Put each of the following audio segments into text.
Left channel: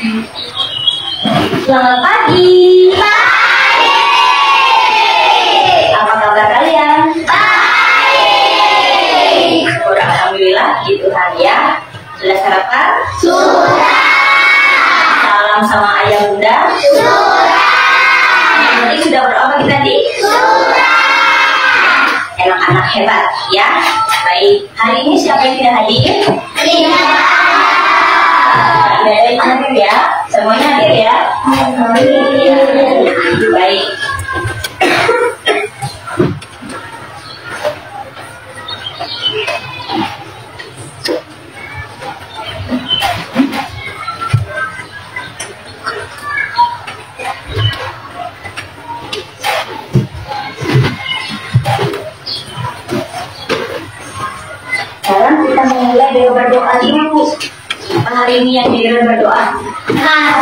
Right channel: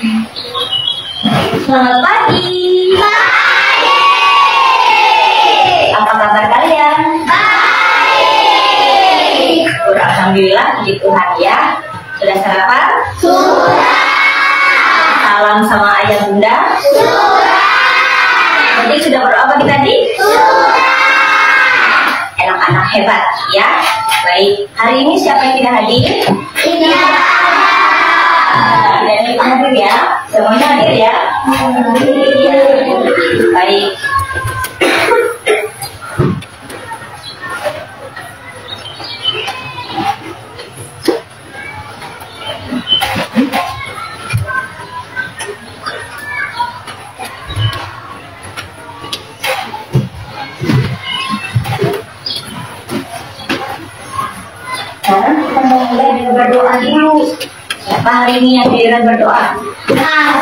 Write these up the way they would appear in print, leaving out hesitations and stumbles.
Selamat pagi. Pagi. Apa kabar kalian? Baik. Alhamdulillah, puji Tuhan ya. Sudah sarapan? Sudah. Salam sama ayah bunda? Sudah. Nanti sudah berdoa pagi tadi? Sudah. Anak-anak hebat ya. Baik, hari ini siapa yang tidak hadir? Tidak. Baik, hadir ya. Semuanya hadir ya. Ya. Baik. Sekarang kita mulai dengan berdoa dulu. Siapa hari ini yang giliran berdoa? Baik,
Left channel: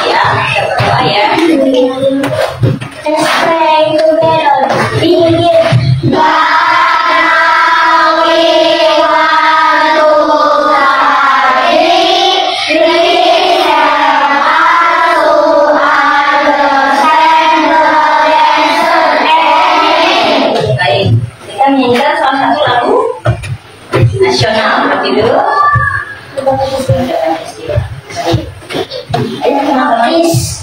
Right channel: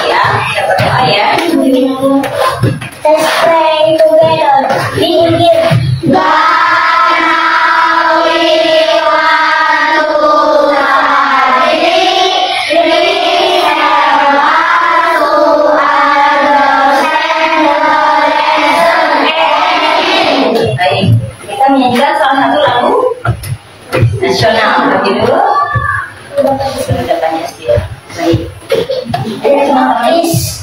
ya, kita berdoa ya. Let's pray together. Begin. Menyanyikan salah satu lagu nasional gitu. Sudah Pancasila. Ayo kenapa guys?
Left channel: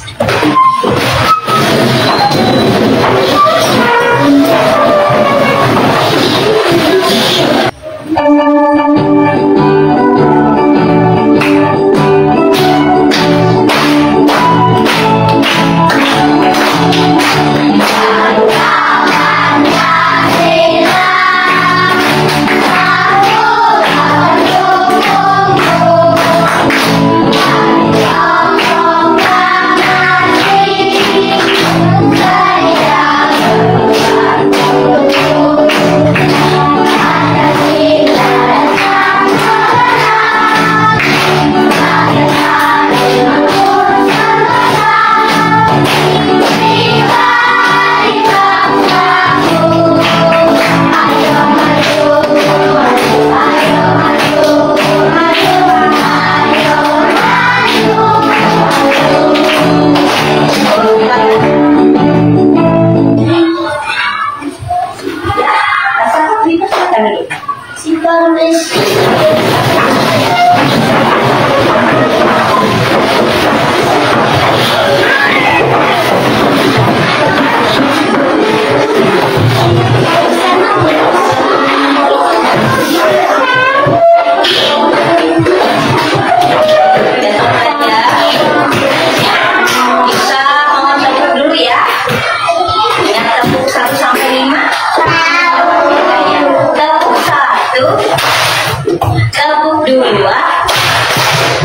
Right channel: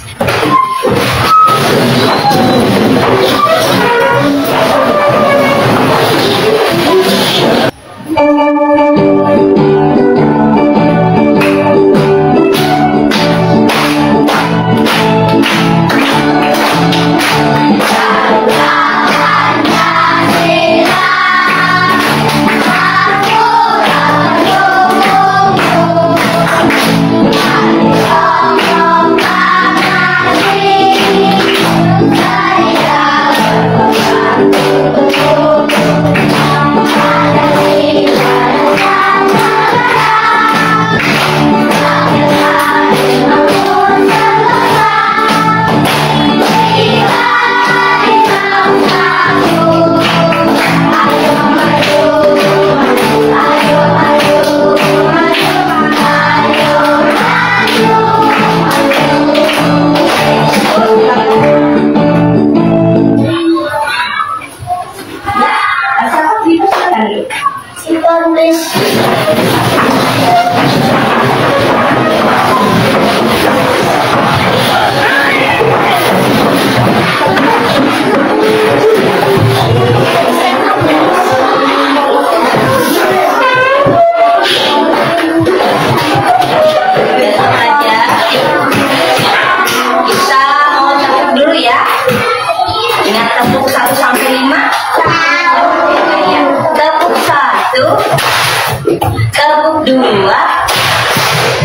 Tepuk 2,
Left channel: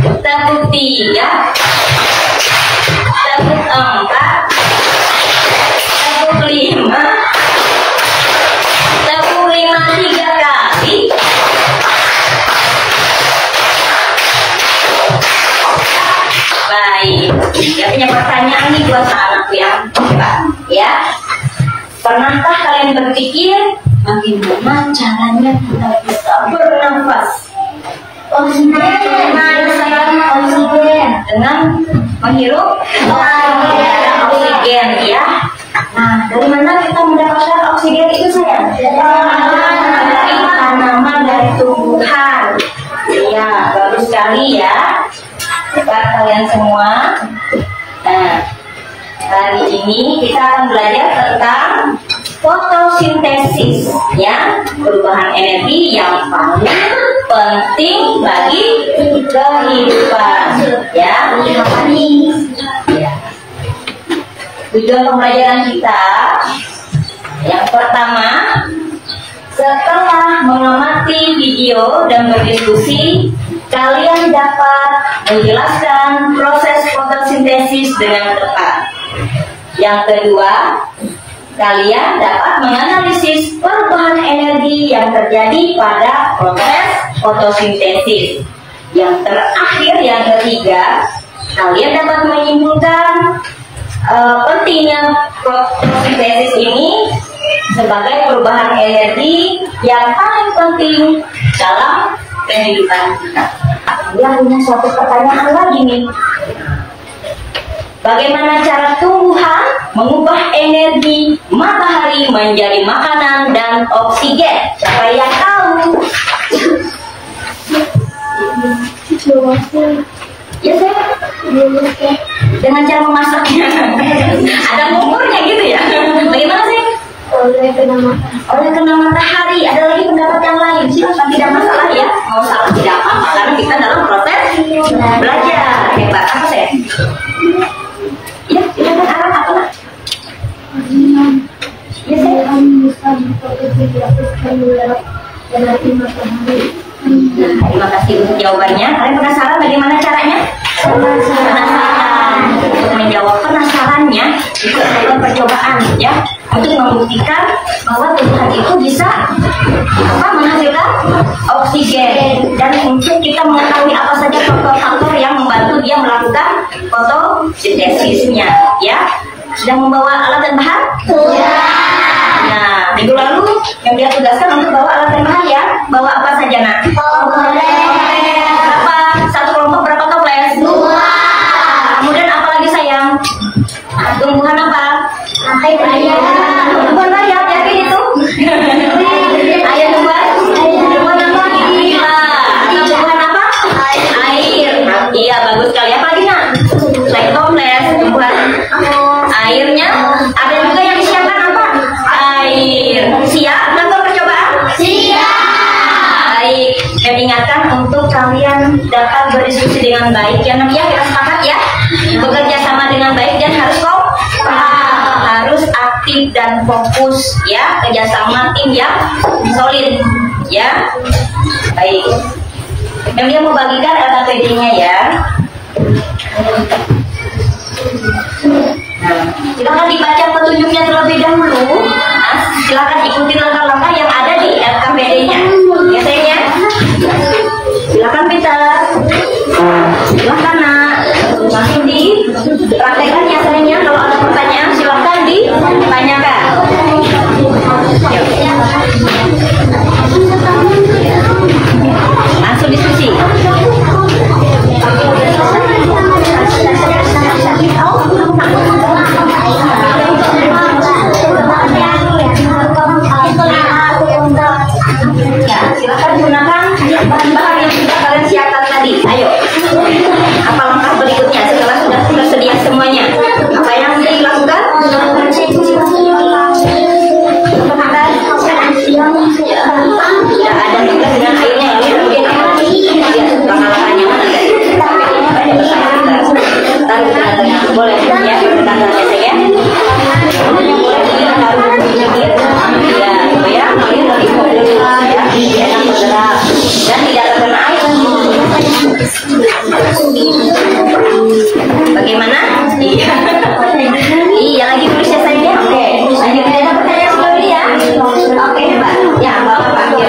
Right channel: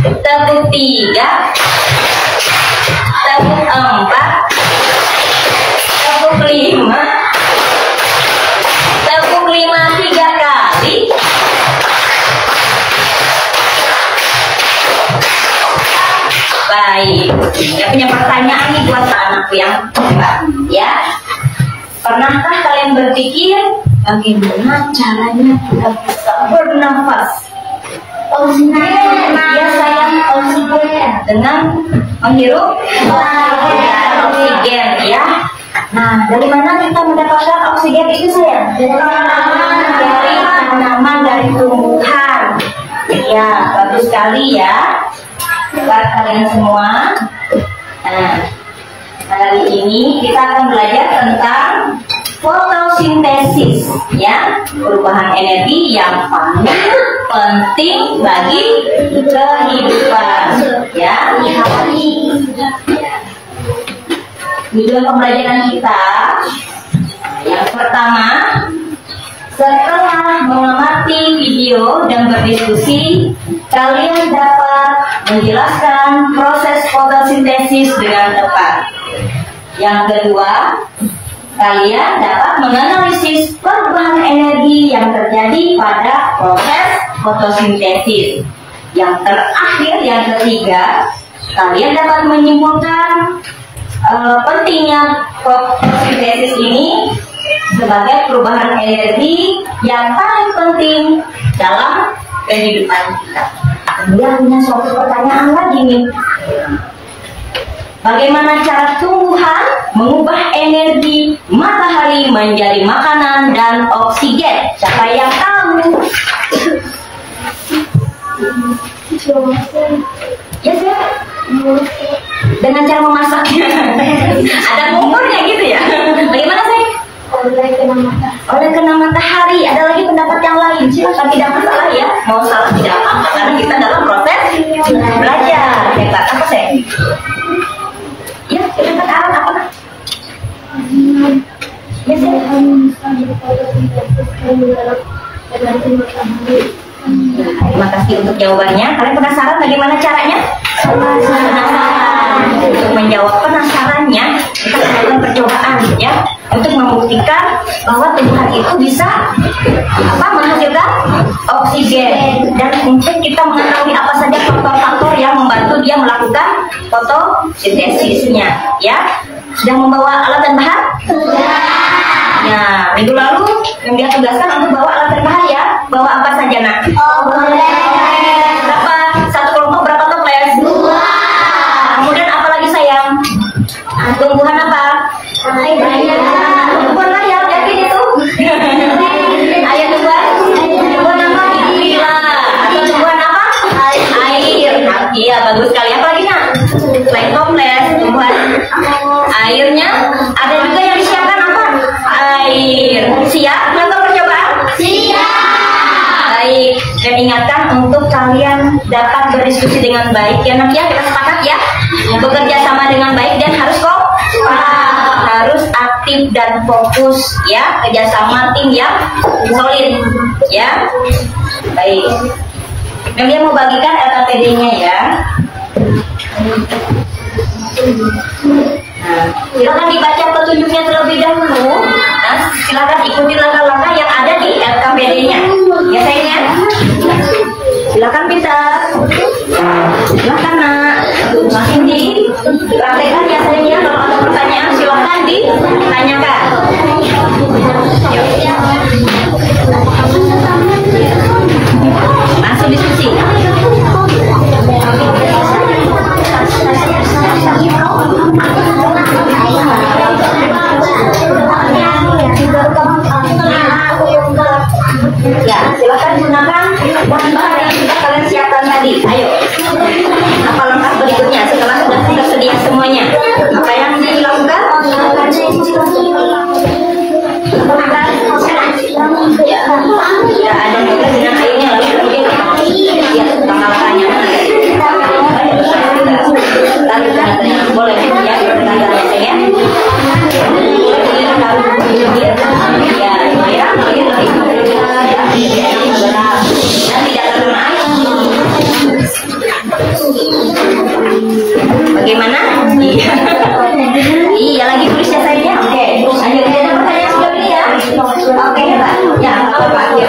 tepuk 3, tepuk 4, tepuk 5, tepuk 5 3 kali. Baik, saya punya pertanyaan nih buat anakku yang hebat ya. Pernahkah kalian berpikir bagaimana caranya kita bisa bernafas? Oksigen dengan menghirup oksigen ya. Nah, dari mana kita mendapatkan oksigen itu sayang? Dari tanaman, dari tumbuhan. Ya, bagus sekali ya. Buat kalian semua. Nah, hari ini kita akan belajar tentang fotosintesis ya, perubahan energi yang paling penting bagi kehidupan ya. Tujuan pembelajaran kita yang pertama, setelah mengamati video dan berdiskusi, kalian dapat menjelaskan proses fotosintesis dengan tepat. Yang kedua, kalian dapat menganalisis perubahan energi yang terjadi pada proses fotosintesis. Yang terakhir, yang ketiga, kalian dapat menyimpulkan pentingnya fotosintesis ini sebagai perubahan energi yang paling penting dalam kehidupan kita. Kemudian punya suatu pertanyaan lagi nih. Bagaimana cara tumbuhan mengubah energi matahari menjadi makanan dan oksigen? Siapa yang tahu? Ya saya dengan cara memasaknya. Ada kompornya gitu ya. Bagaimana sih? Oleh kena matahari. Ada lagi pendapat yang lain. Silakan, tidak masalah ya. Mau salah tidak apa-apa karena kita dalam proses belajar. Hebat. Apa sih? Ya, silakan Aran apa nak? Ya saya. Terima kasih untuk jawabannya. Kalian penasaran bagaimana caranya? Penasaran. Untuk menjawab penasarannya, kita lakukan percobaan ya, untuk membuktikan bahwa tumbuhan itu bisa menghasilkan oksigen, dan untuk kita mengetahui apa saja faktor-faktor yang membantu dia melakukan fotosintesisnya ya. Sudah membawa alat dan bahan? Sudah. Nah, minggu lalu yang dia tugaskan untuk bawa alat dan bahan ya. Bawa apa saja nak? Berapa? Satu kelompok berapa toples? 2. Kemudian apa lagi sayang? Tumbuhan apa? Tumbuhan ayam, yakin itu? Ayam tumbuhan apa? Gila. Atau tumbuhan apa? Air. Iya, bagus sekali. Apa lagi nak? Selain toples, tumbuhan airnya ada juga yang disiapkan apa? Air. Siap melakukan percobaan? Siap. Baik. Dan ingatkan untuk kalian dapat berdiskusi dengan baik ya nak ya. Kita sepakat ya. Bekerja sama dengan baik dan harus harus aktif dan fokus ya. Kerjasama tim yang solid ya. Baik. Dia mau bagikan LKPD-nya ya. Silakan dibaca petunjuknya terlebih dahulu. Nah, silakan ikuti langkah-langkah yang ada di LKPD-nya. Ya sayangnya. Silakan Peter. Silakan nak. Langsung dipraktekkan ya sayangnya. Kalau ada pertanyaan silakan ditanyakan. Langsung diskusi. Ya, silakan gunakan bahan-bahan yang sudah kalian siapkan tadi. Ayo, apa langkah berikutnya setelah sudah tersedia semuanya? Apa yang dilakukan? Ya, ada juga dengan airnya lalu kemudian apa? Ya, langkah-langkahnya mana? Taruh ke tengah, boleh ya, bertanda-tanda saya. Boleh ditaruh di pinggir. Ya, supaya kalian lebih fokus ya, enak bergerak dan tidak terkena air. Bagaimana? Iya. Iya, lagi tulis ya saya. Oke, lanjut. Ada pertanyaan sebelum ini ya? Oke, hebat. Ya, kalau Pak. Ya.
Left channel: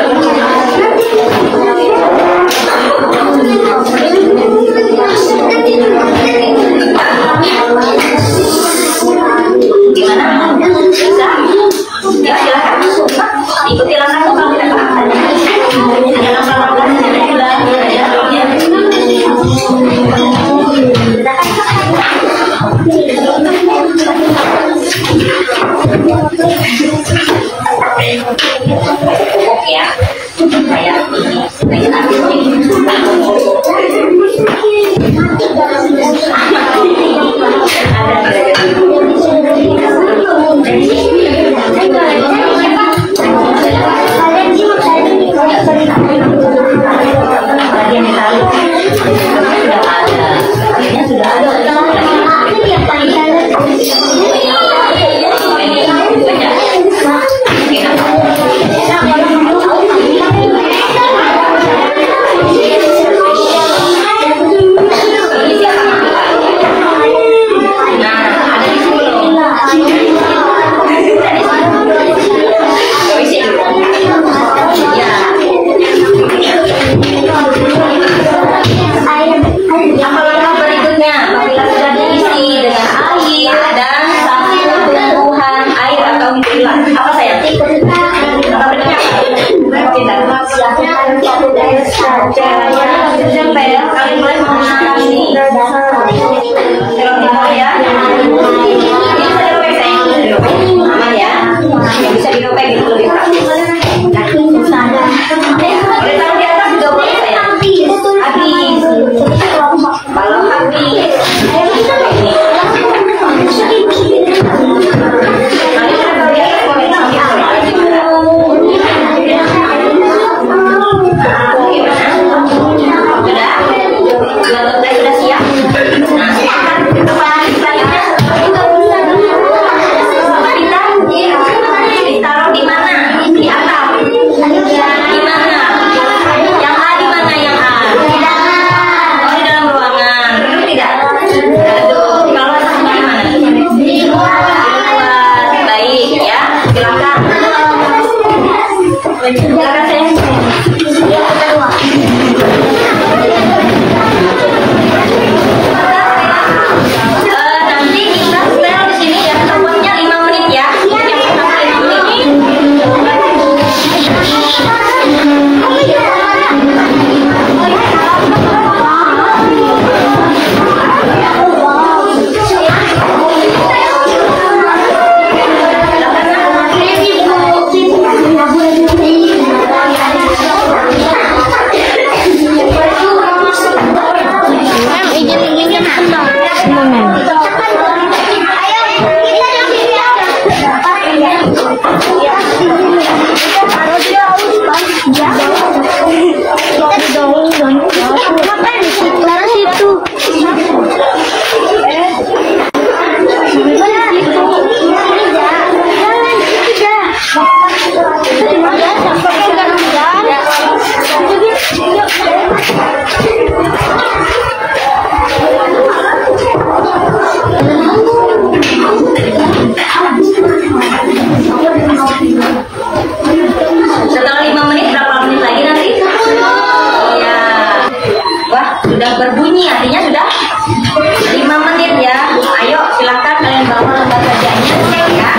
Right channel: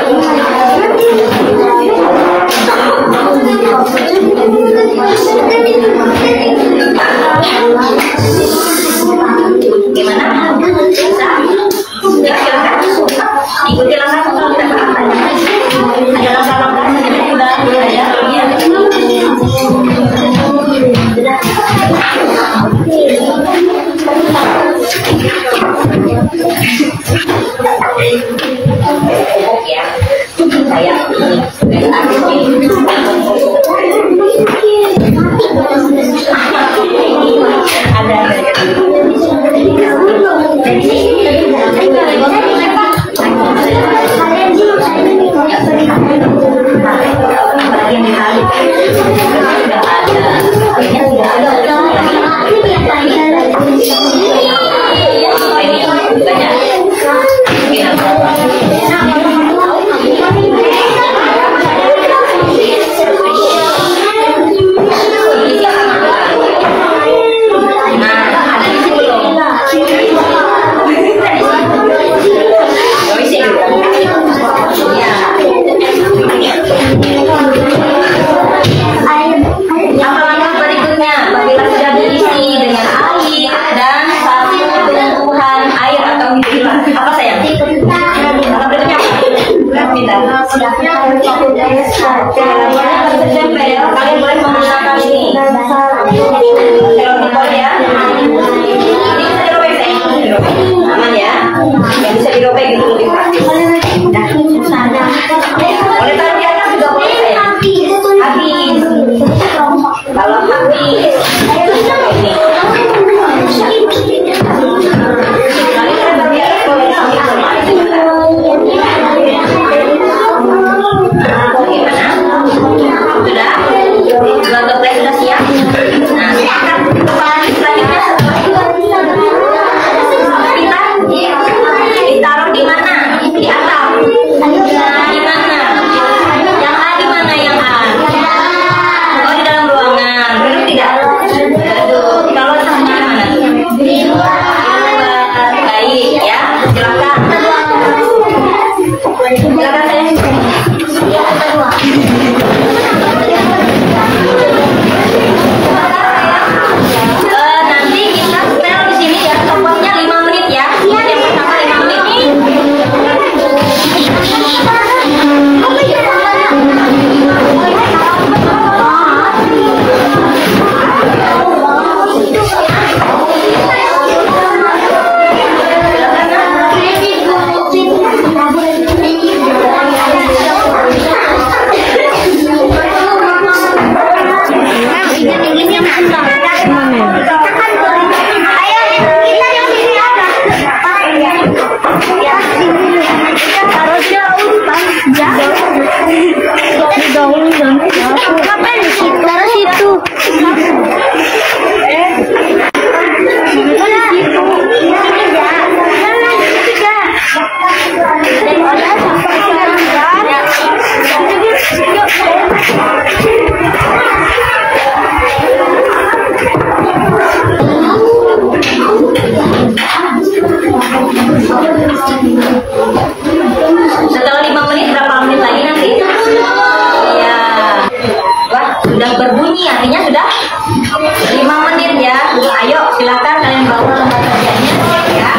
Silakan kalian bawa lembar kerjanya ya.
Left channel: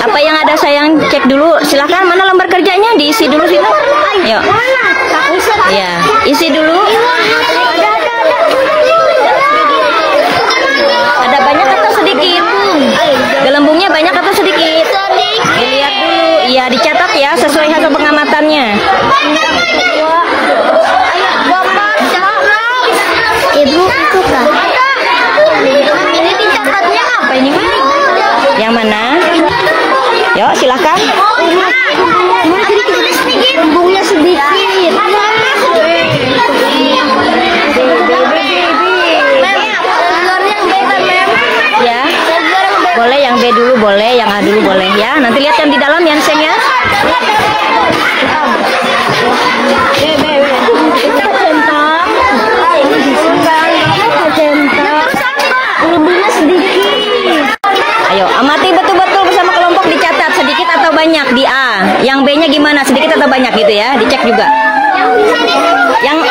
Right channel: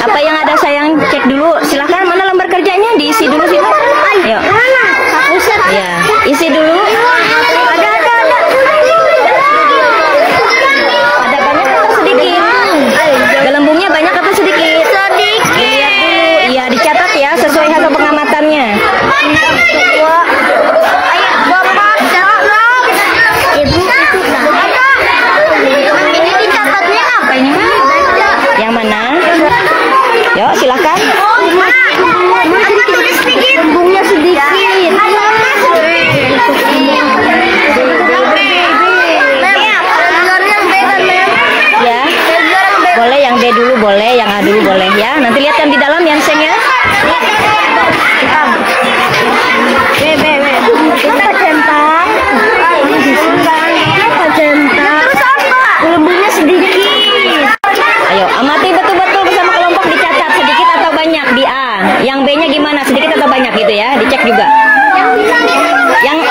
Apa yang ada sayang cek dulu, silahkan mana lembar kerjanya diisi dulu sini. Yuk. Ya, isi dulu. Ada banyak atau sedikit? Gelembungnya banyak atau sedikit? Dilihat dulu. Iya, dicatat ya sesuai hasil pengamatannya. Yang mana? Yuk, silakan. Tulis sedikit. Lembungnya sedikit. Ya. Boleh yang B dulu boleh, yang A dulu boleh ya. Nanti lihat yang di dalam ya, Seng ya. Lembungnya sedikit. Ayo, amati betul-betul bersama kelompok, dicatat sedikit atau banyak di A. Yang B-nya gimana? Sedikit atau banyak gitu ya? Dicek juga.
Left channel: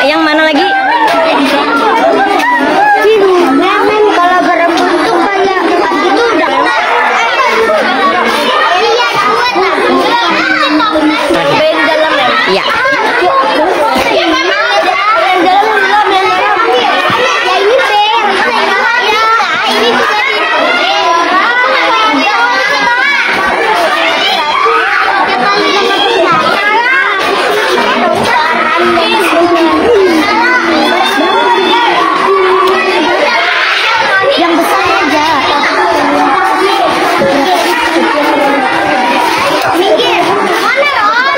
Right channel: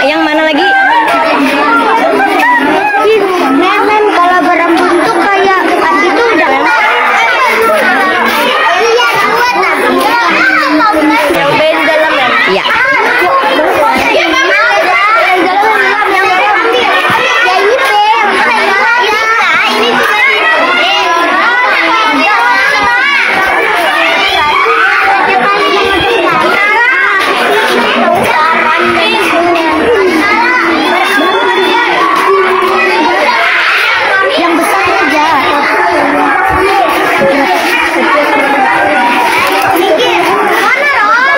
Yang mana lagi? Yang B di dalam ya? Iya. Yang besar aja. Mana Ron?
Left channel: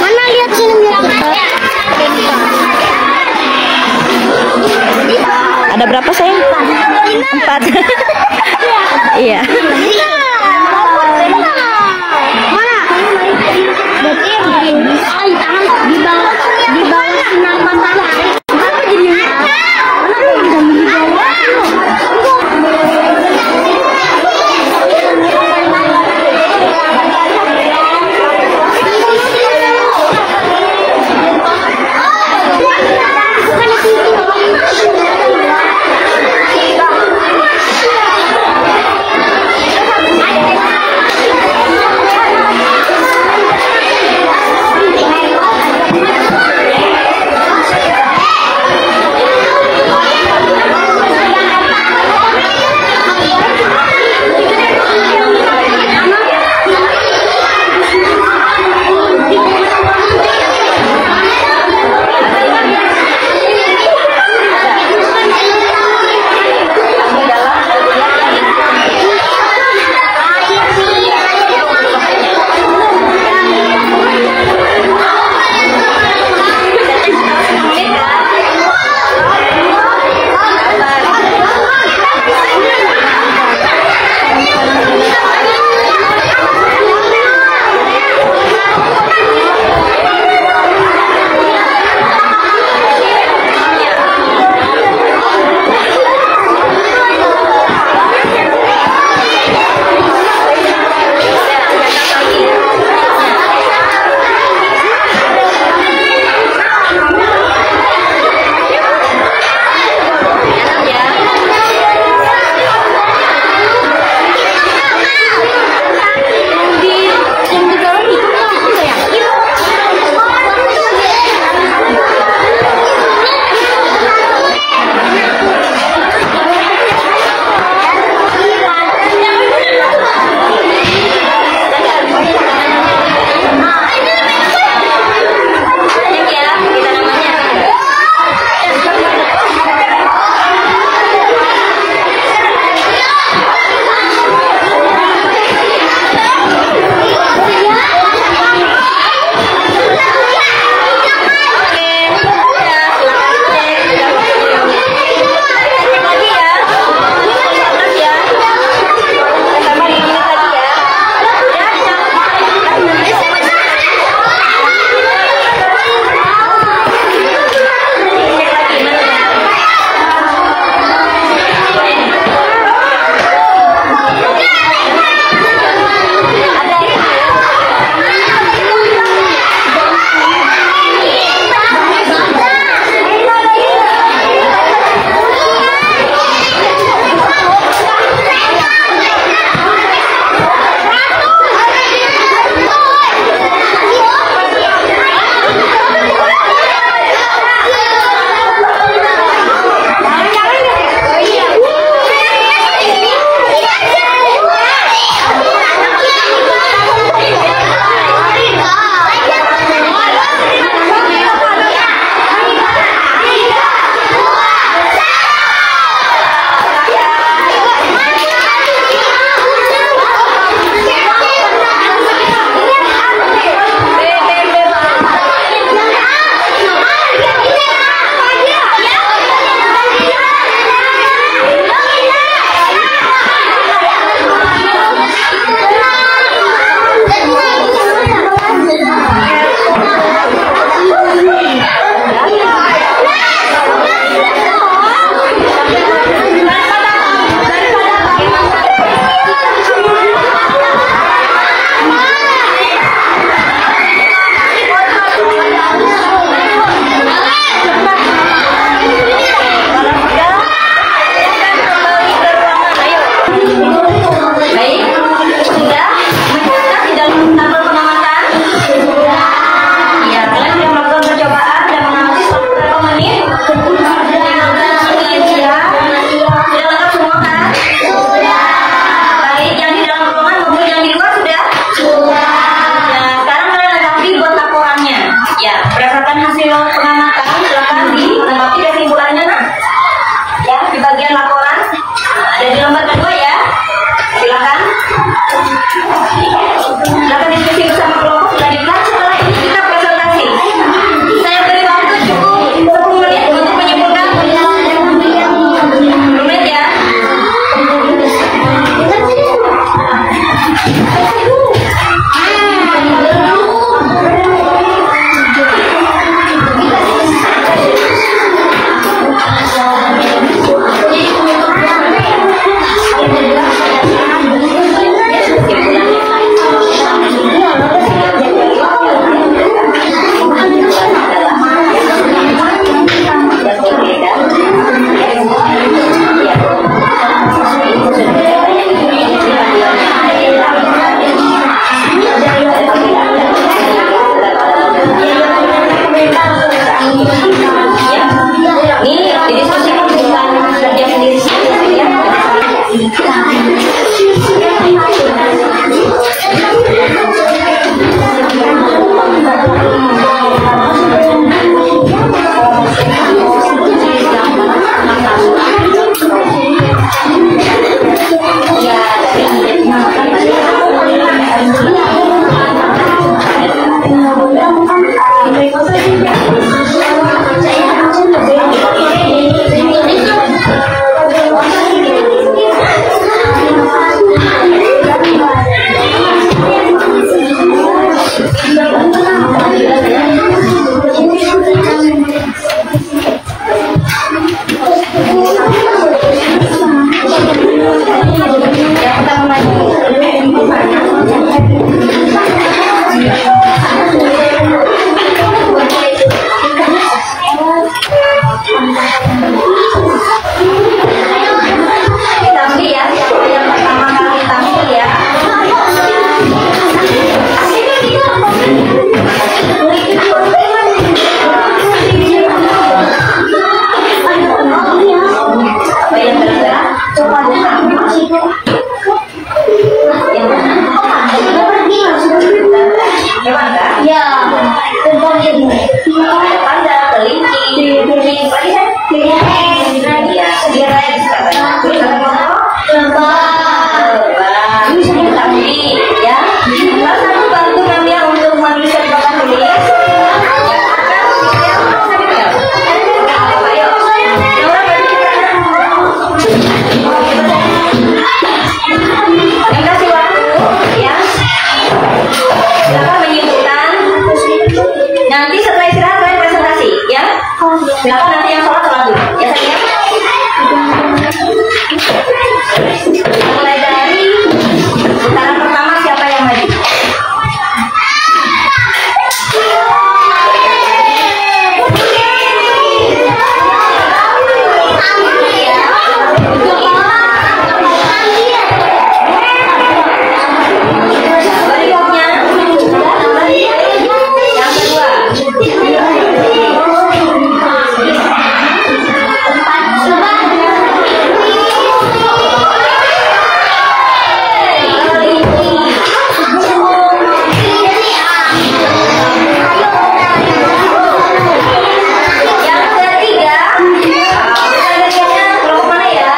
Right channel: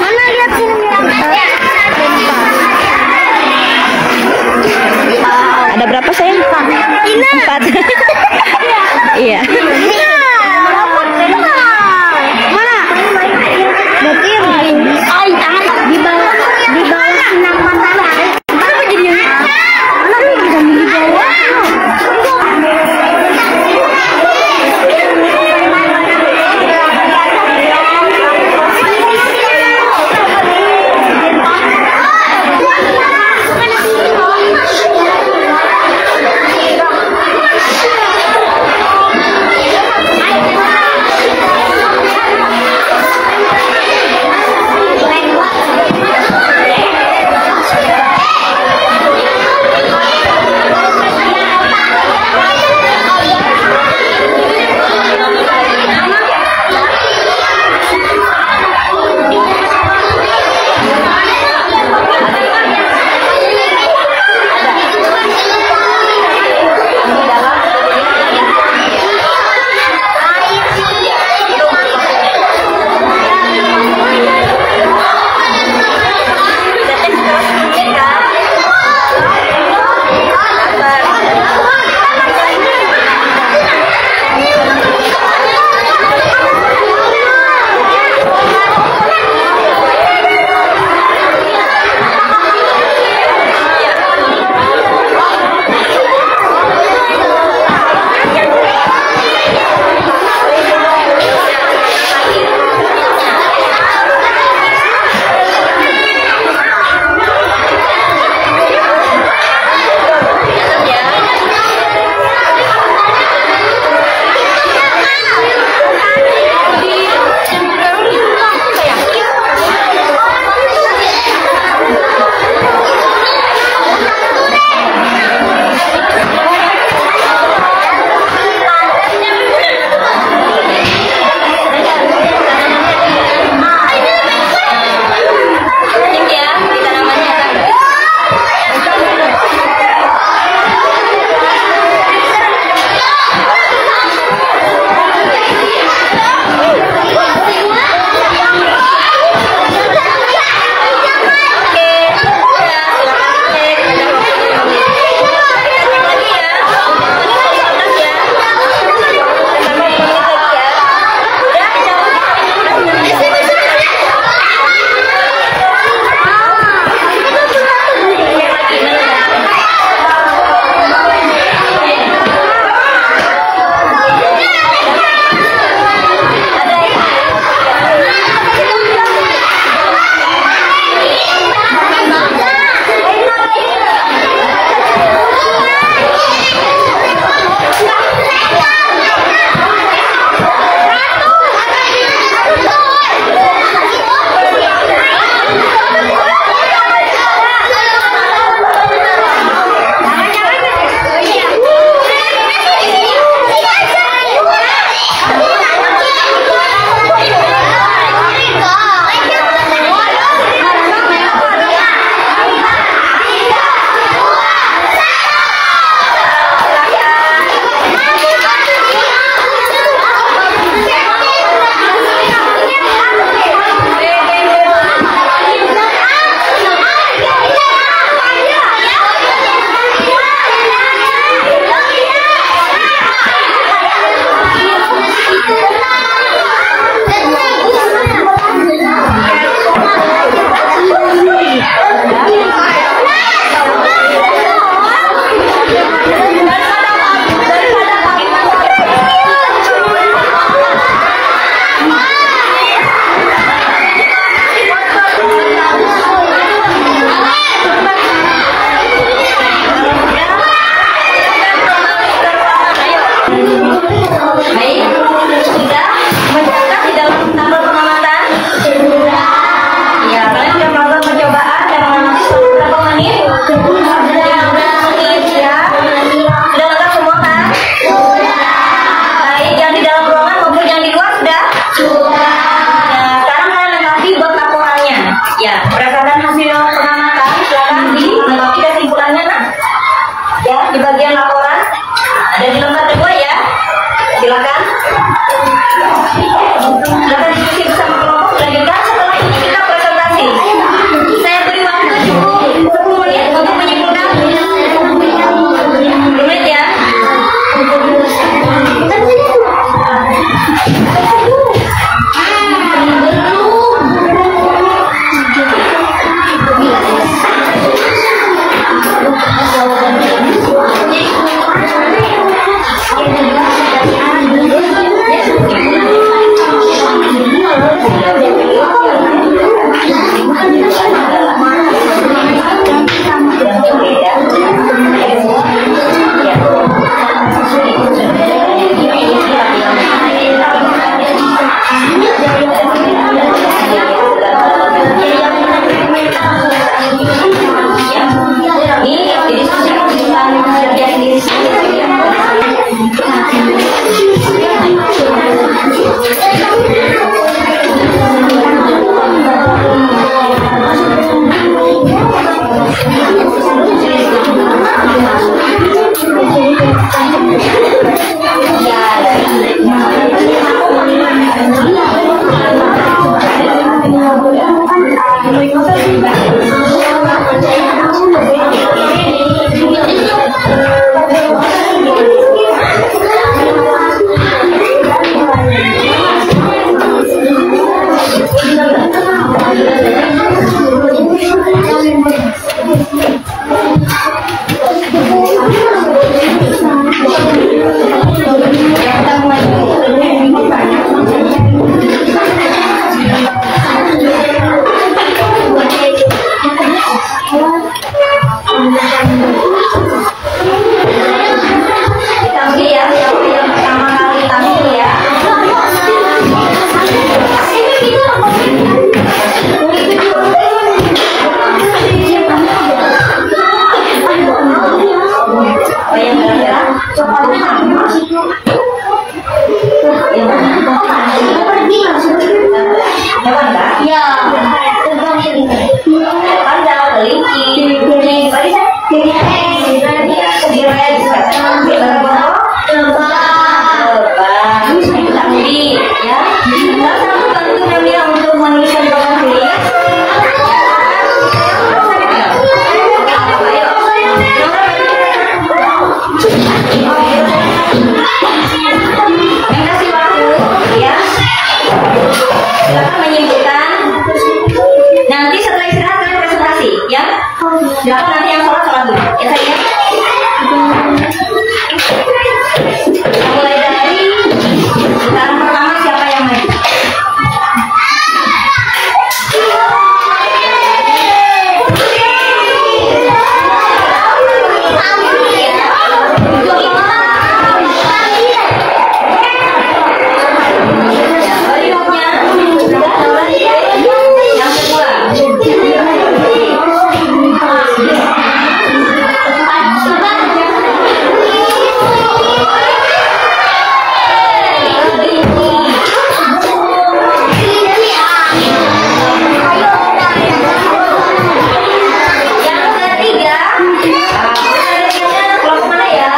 Mana lihat sini? Ada berapa sayang? 4. Iya. Mana? Berarti tangan di bawah sinar matahari. Ditampi ya, siapa yang pertama kali tampil ya. Apa yang gerak-gerak? Coba hewan kan? Ya, tentang ini. Ada kelinci, ya. Salah satu bantu kalian untuk menuliskan papan tulis. Ayo. Yang kasih waktu ya. Silakan menyimpulkan. Nanti setelah istirahat kalian presentasi ya. Silakan nanti yang sholat dulu ya sayang. Mulai dari putaran pertama siapa yang maju? Berikutnya yang kedua. Yang ketiga, kelompok mana ya?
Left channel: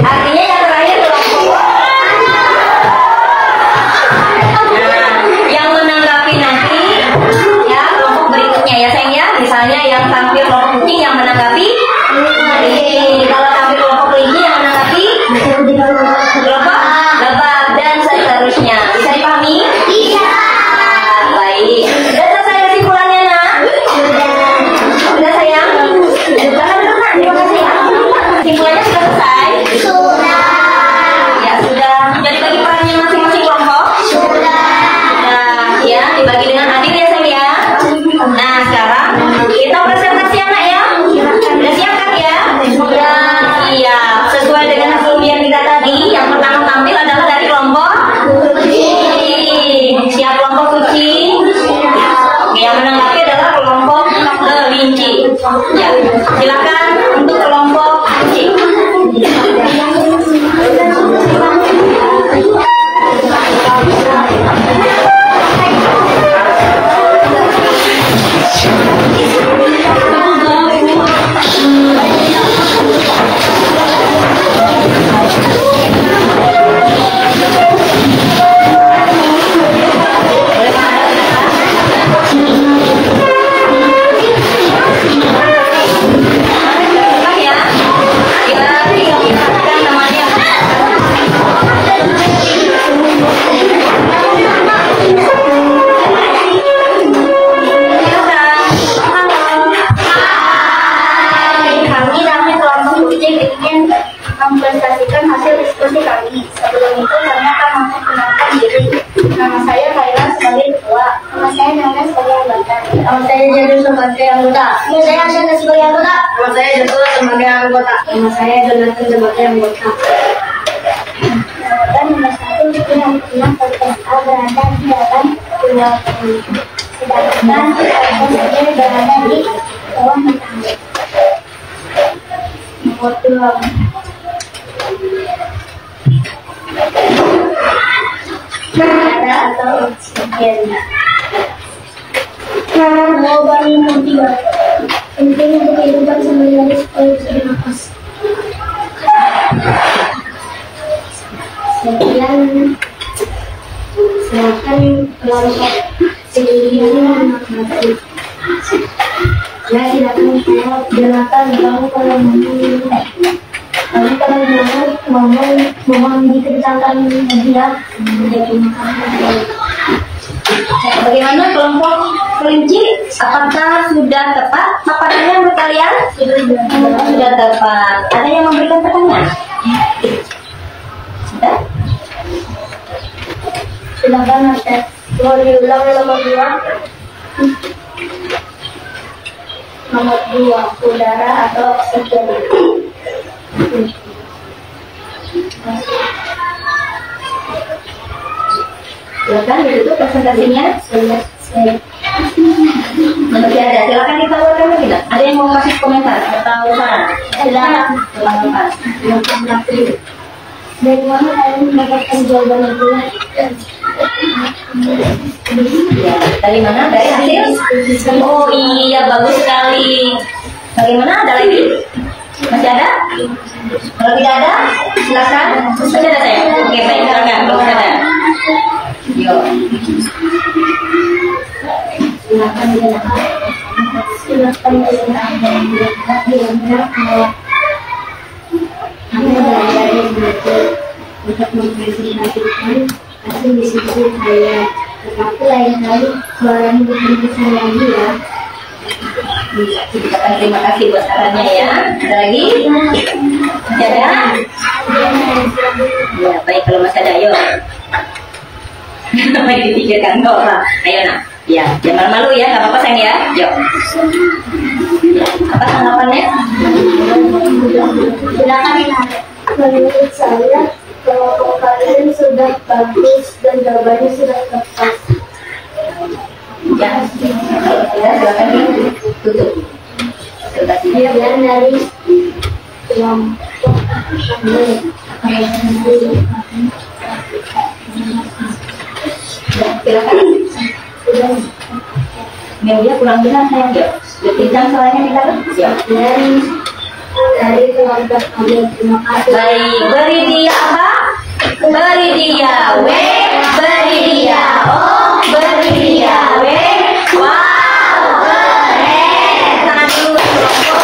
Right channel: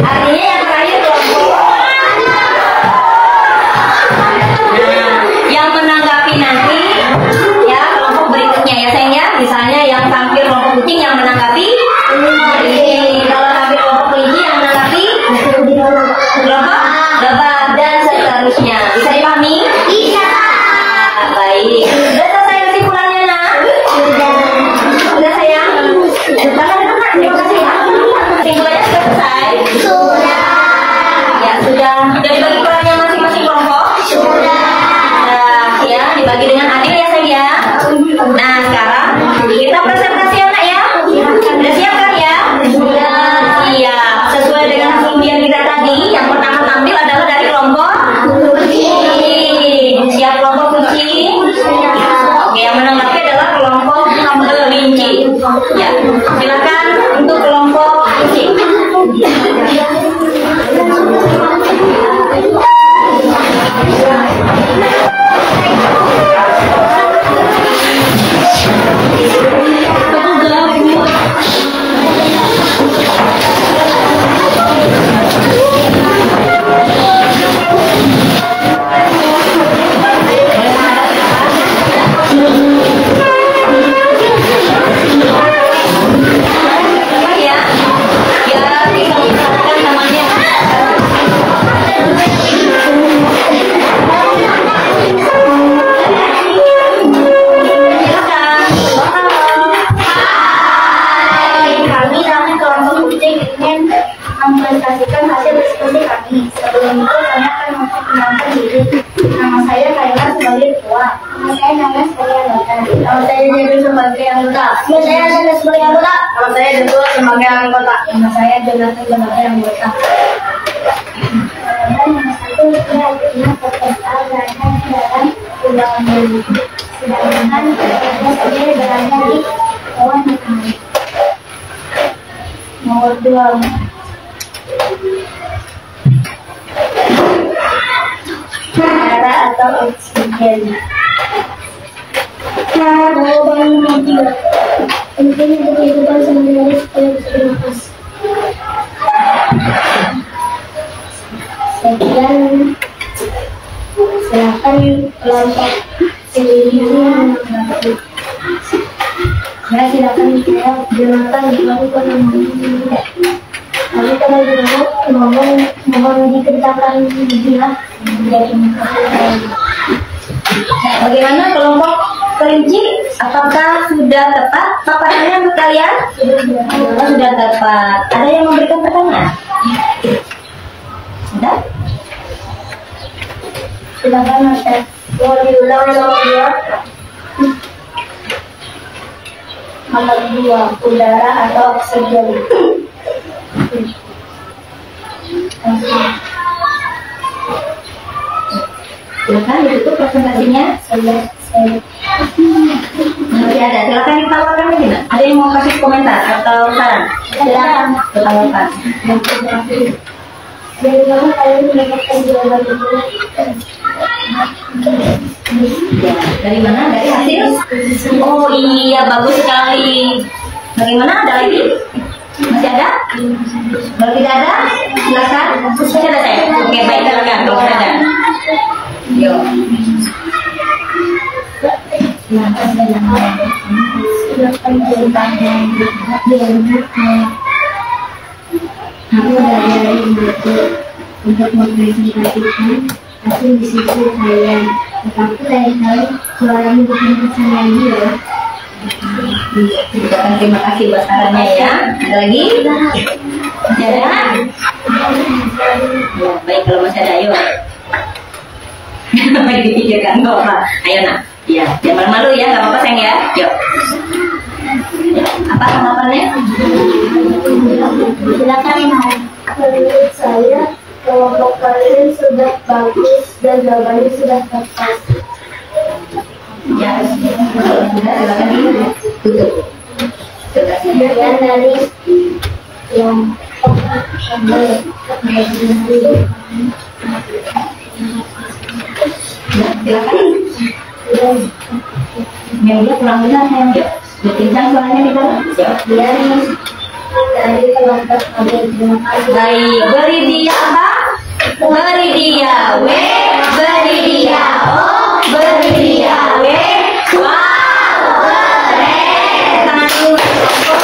Artinya yang terakhir kelompok. Nah, yang menanggapi nanti ya kelompok berikutnya ya sayang ya. Misalnya yang tampil kelompok kucing yang menanggapi ini. Kalau tampil kelompok kelinci yang menanggapi kelompok lebah dan seterusnya. Bisa dipahami? Iya. Baik. Sudah selesai kesimpulannya nak? Sudah sayang? Terima kasih. Kesimpulannya sudah selesai? Ya sudah. Sudah dibagi perannya masing-masing kelompok? Sudah. Ya, dibagi dengan adil ya sayang ya. Nah sekarang kita presentasi anak ya. Sudah siap kan ya? Sudah. Iya. Sesuai dengan hasil ujian kita tadi, yang pertama tampil adalah dari kelompok kucing. Siap kelompok kucing? Oke, yang menanggapi adalah kelompok kelinci. Ya, silakan untuk kelompok kucing. Mempresentasikan hasil diskusi kami. Sebelum itu kami akan memperkenalkan diri. Nama saya Kaila sebagai ketua. Nama saya Nana sebagai anggota. Nama saya Jadul sebagai anggota. Nama saya Andana sebagai anggota. Nama saya Joshua sebagai anggota. Nama saya Jonathan sebagai anggota. Dan nomor 1 kita podcast A berada di dalam ruang mulut. Sedangkan podcast B berada di bawah matahari. Nomor 2. Udara atau oksigen. Jawaban nomor 3. Penting untuk kehidupan sehari-hari supaya bisa bernafas. Sekian. Silakan kelompok pilihan menanggapi. Ya silakan jawab. Jonathan, kamu kalau mau. Kamu kalau mau mohon diceritakan lebih ya. Terima kasih. Bagaimana kelompok kelinci? Apakah sudah tepat paparannya menurut kalian? Sudah tepat. Ada yang memberikan pertanyaan? Sudah? Silakan Ustaz. Mau diulang nomor 2? Nomor 2, udara atau oksigen. Silakan ditutup presentasinya. Masih ada. Silakan ditawarkan lagi nggak? Ada yang mau kasih komentar atau saran? Silakan bertanya. Dari mana kalian mendapatkan jawaban itu? Ya, dari mana? Dari hasil? Oh iya, bagus sekali. Bagaimana? Ada lagi? Masih ada? Kalau tidak ada, silakan. Masih ada saya? Oke, baik, silakan. Kalau ada. Yo. Silakan bertanya. Dari buku untuk mempresentasikan hasil diskusi saya. Tetapi lain kali suaranya bukan kesalahan ya. Silakan, terima kasih buat sarannya ya. Ada lagi? Masih ada? Ya, baik, kalau masih ada, ayo. Apa dipikirkan? Nggak apa. Ayo nak. Ya, jangan malu ya, nggak apa-apa sayang ya. Yuk. Apa harapannya? Silakan. Menurut saya kelompok kalian sudah bagus dan jawabannya sudah tepat. Ya, kalau sudah silakan ditutup. Kemudian dari kelompok silakan. Media kurang benar sayang. Yuk, kencang suaranya di dalam. dan dari kelompok kalian. Terima kasih. Baik, beri dia apa? Beri dia W, beri dia O, beri dia W. Wow, keren. Tangan dulu kelompok.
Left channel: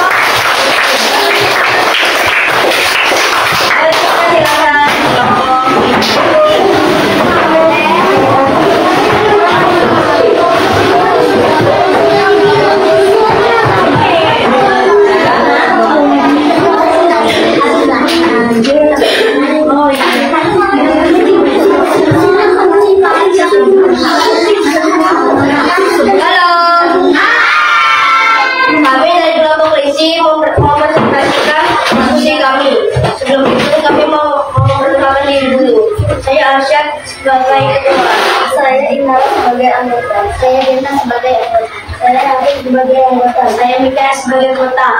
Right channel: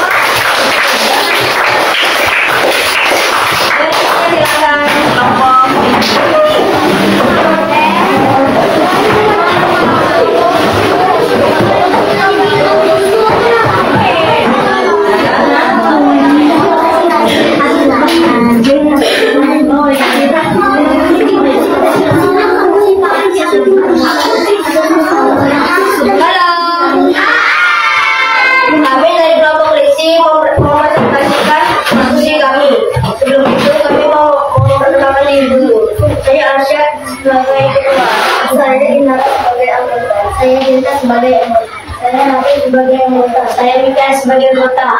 Silakan sebagai ketua, saya Ina sebagai anggota, saya Dinta sebagai anggota, saya Hafiz sebagai anggota, saya Mika sebagai anggota.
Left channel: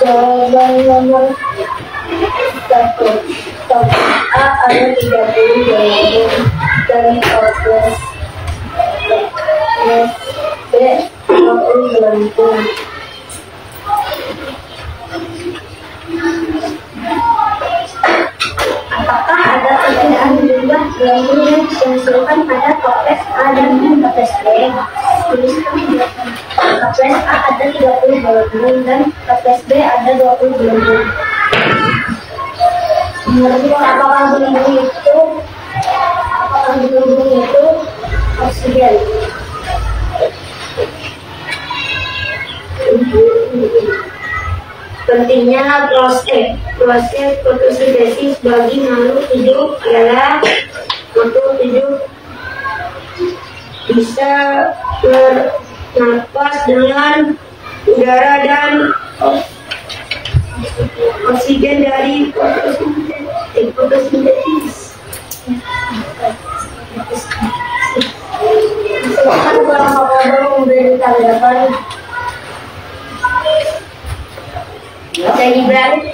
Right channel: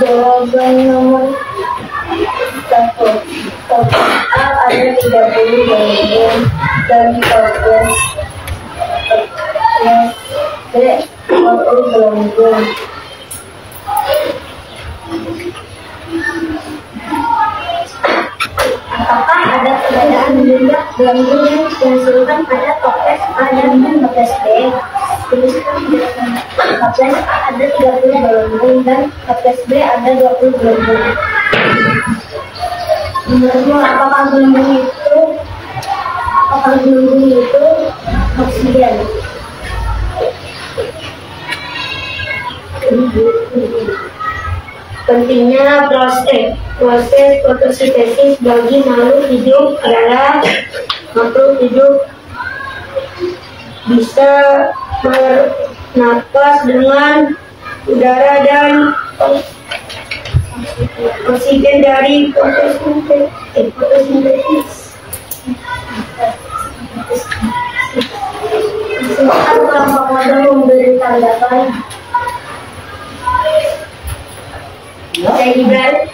Jawaban nomor 1. Top A ada 30 bagian dari toples. B 40 gelembung. Apakah ada perbedaan jumlah gelembung yang dihasilkan pada toples A dan toples B? Tuliskan toples A ada 30 gelembung dan toples B ada 20 gelembung. Menurutmu apakah gelembung itu oksigen? Pentingnya proses fotosintesis bagi makhluk hidup adalah makhluk hidup bisa bernapas dengan udara dan oksigen dari fotosintesis. Silakan kelompok model memberi tanggapan. Saya Gibran.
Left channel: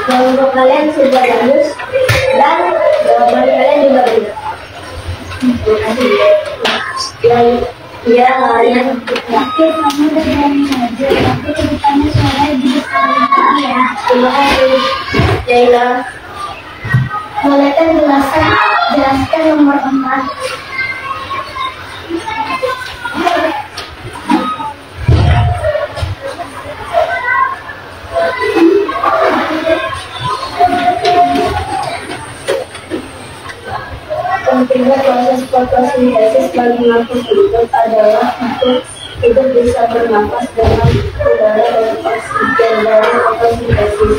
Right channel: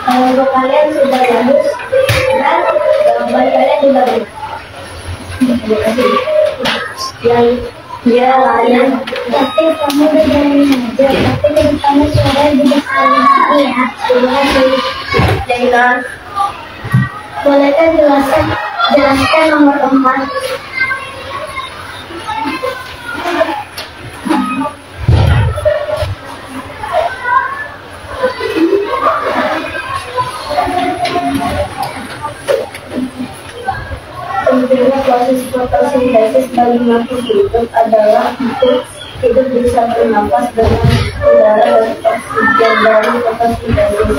Kelompok kalian sudah bagus dan jawaban kalian juga bagus. Terima kasih. Ya, kalian. Tapi kamu udah berani aja. Tapi kedepannya suaranya juga sekali ya. Terima kasih. Jaina. Bolehkah jelaskan nomor 4? fotosintesis bagi makhluk hidup adalah untuk hidup bisa bernapas dengan udara dan oksigen dari fotosintesis.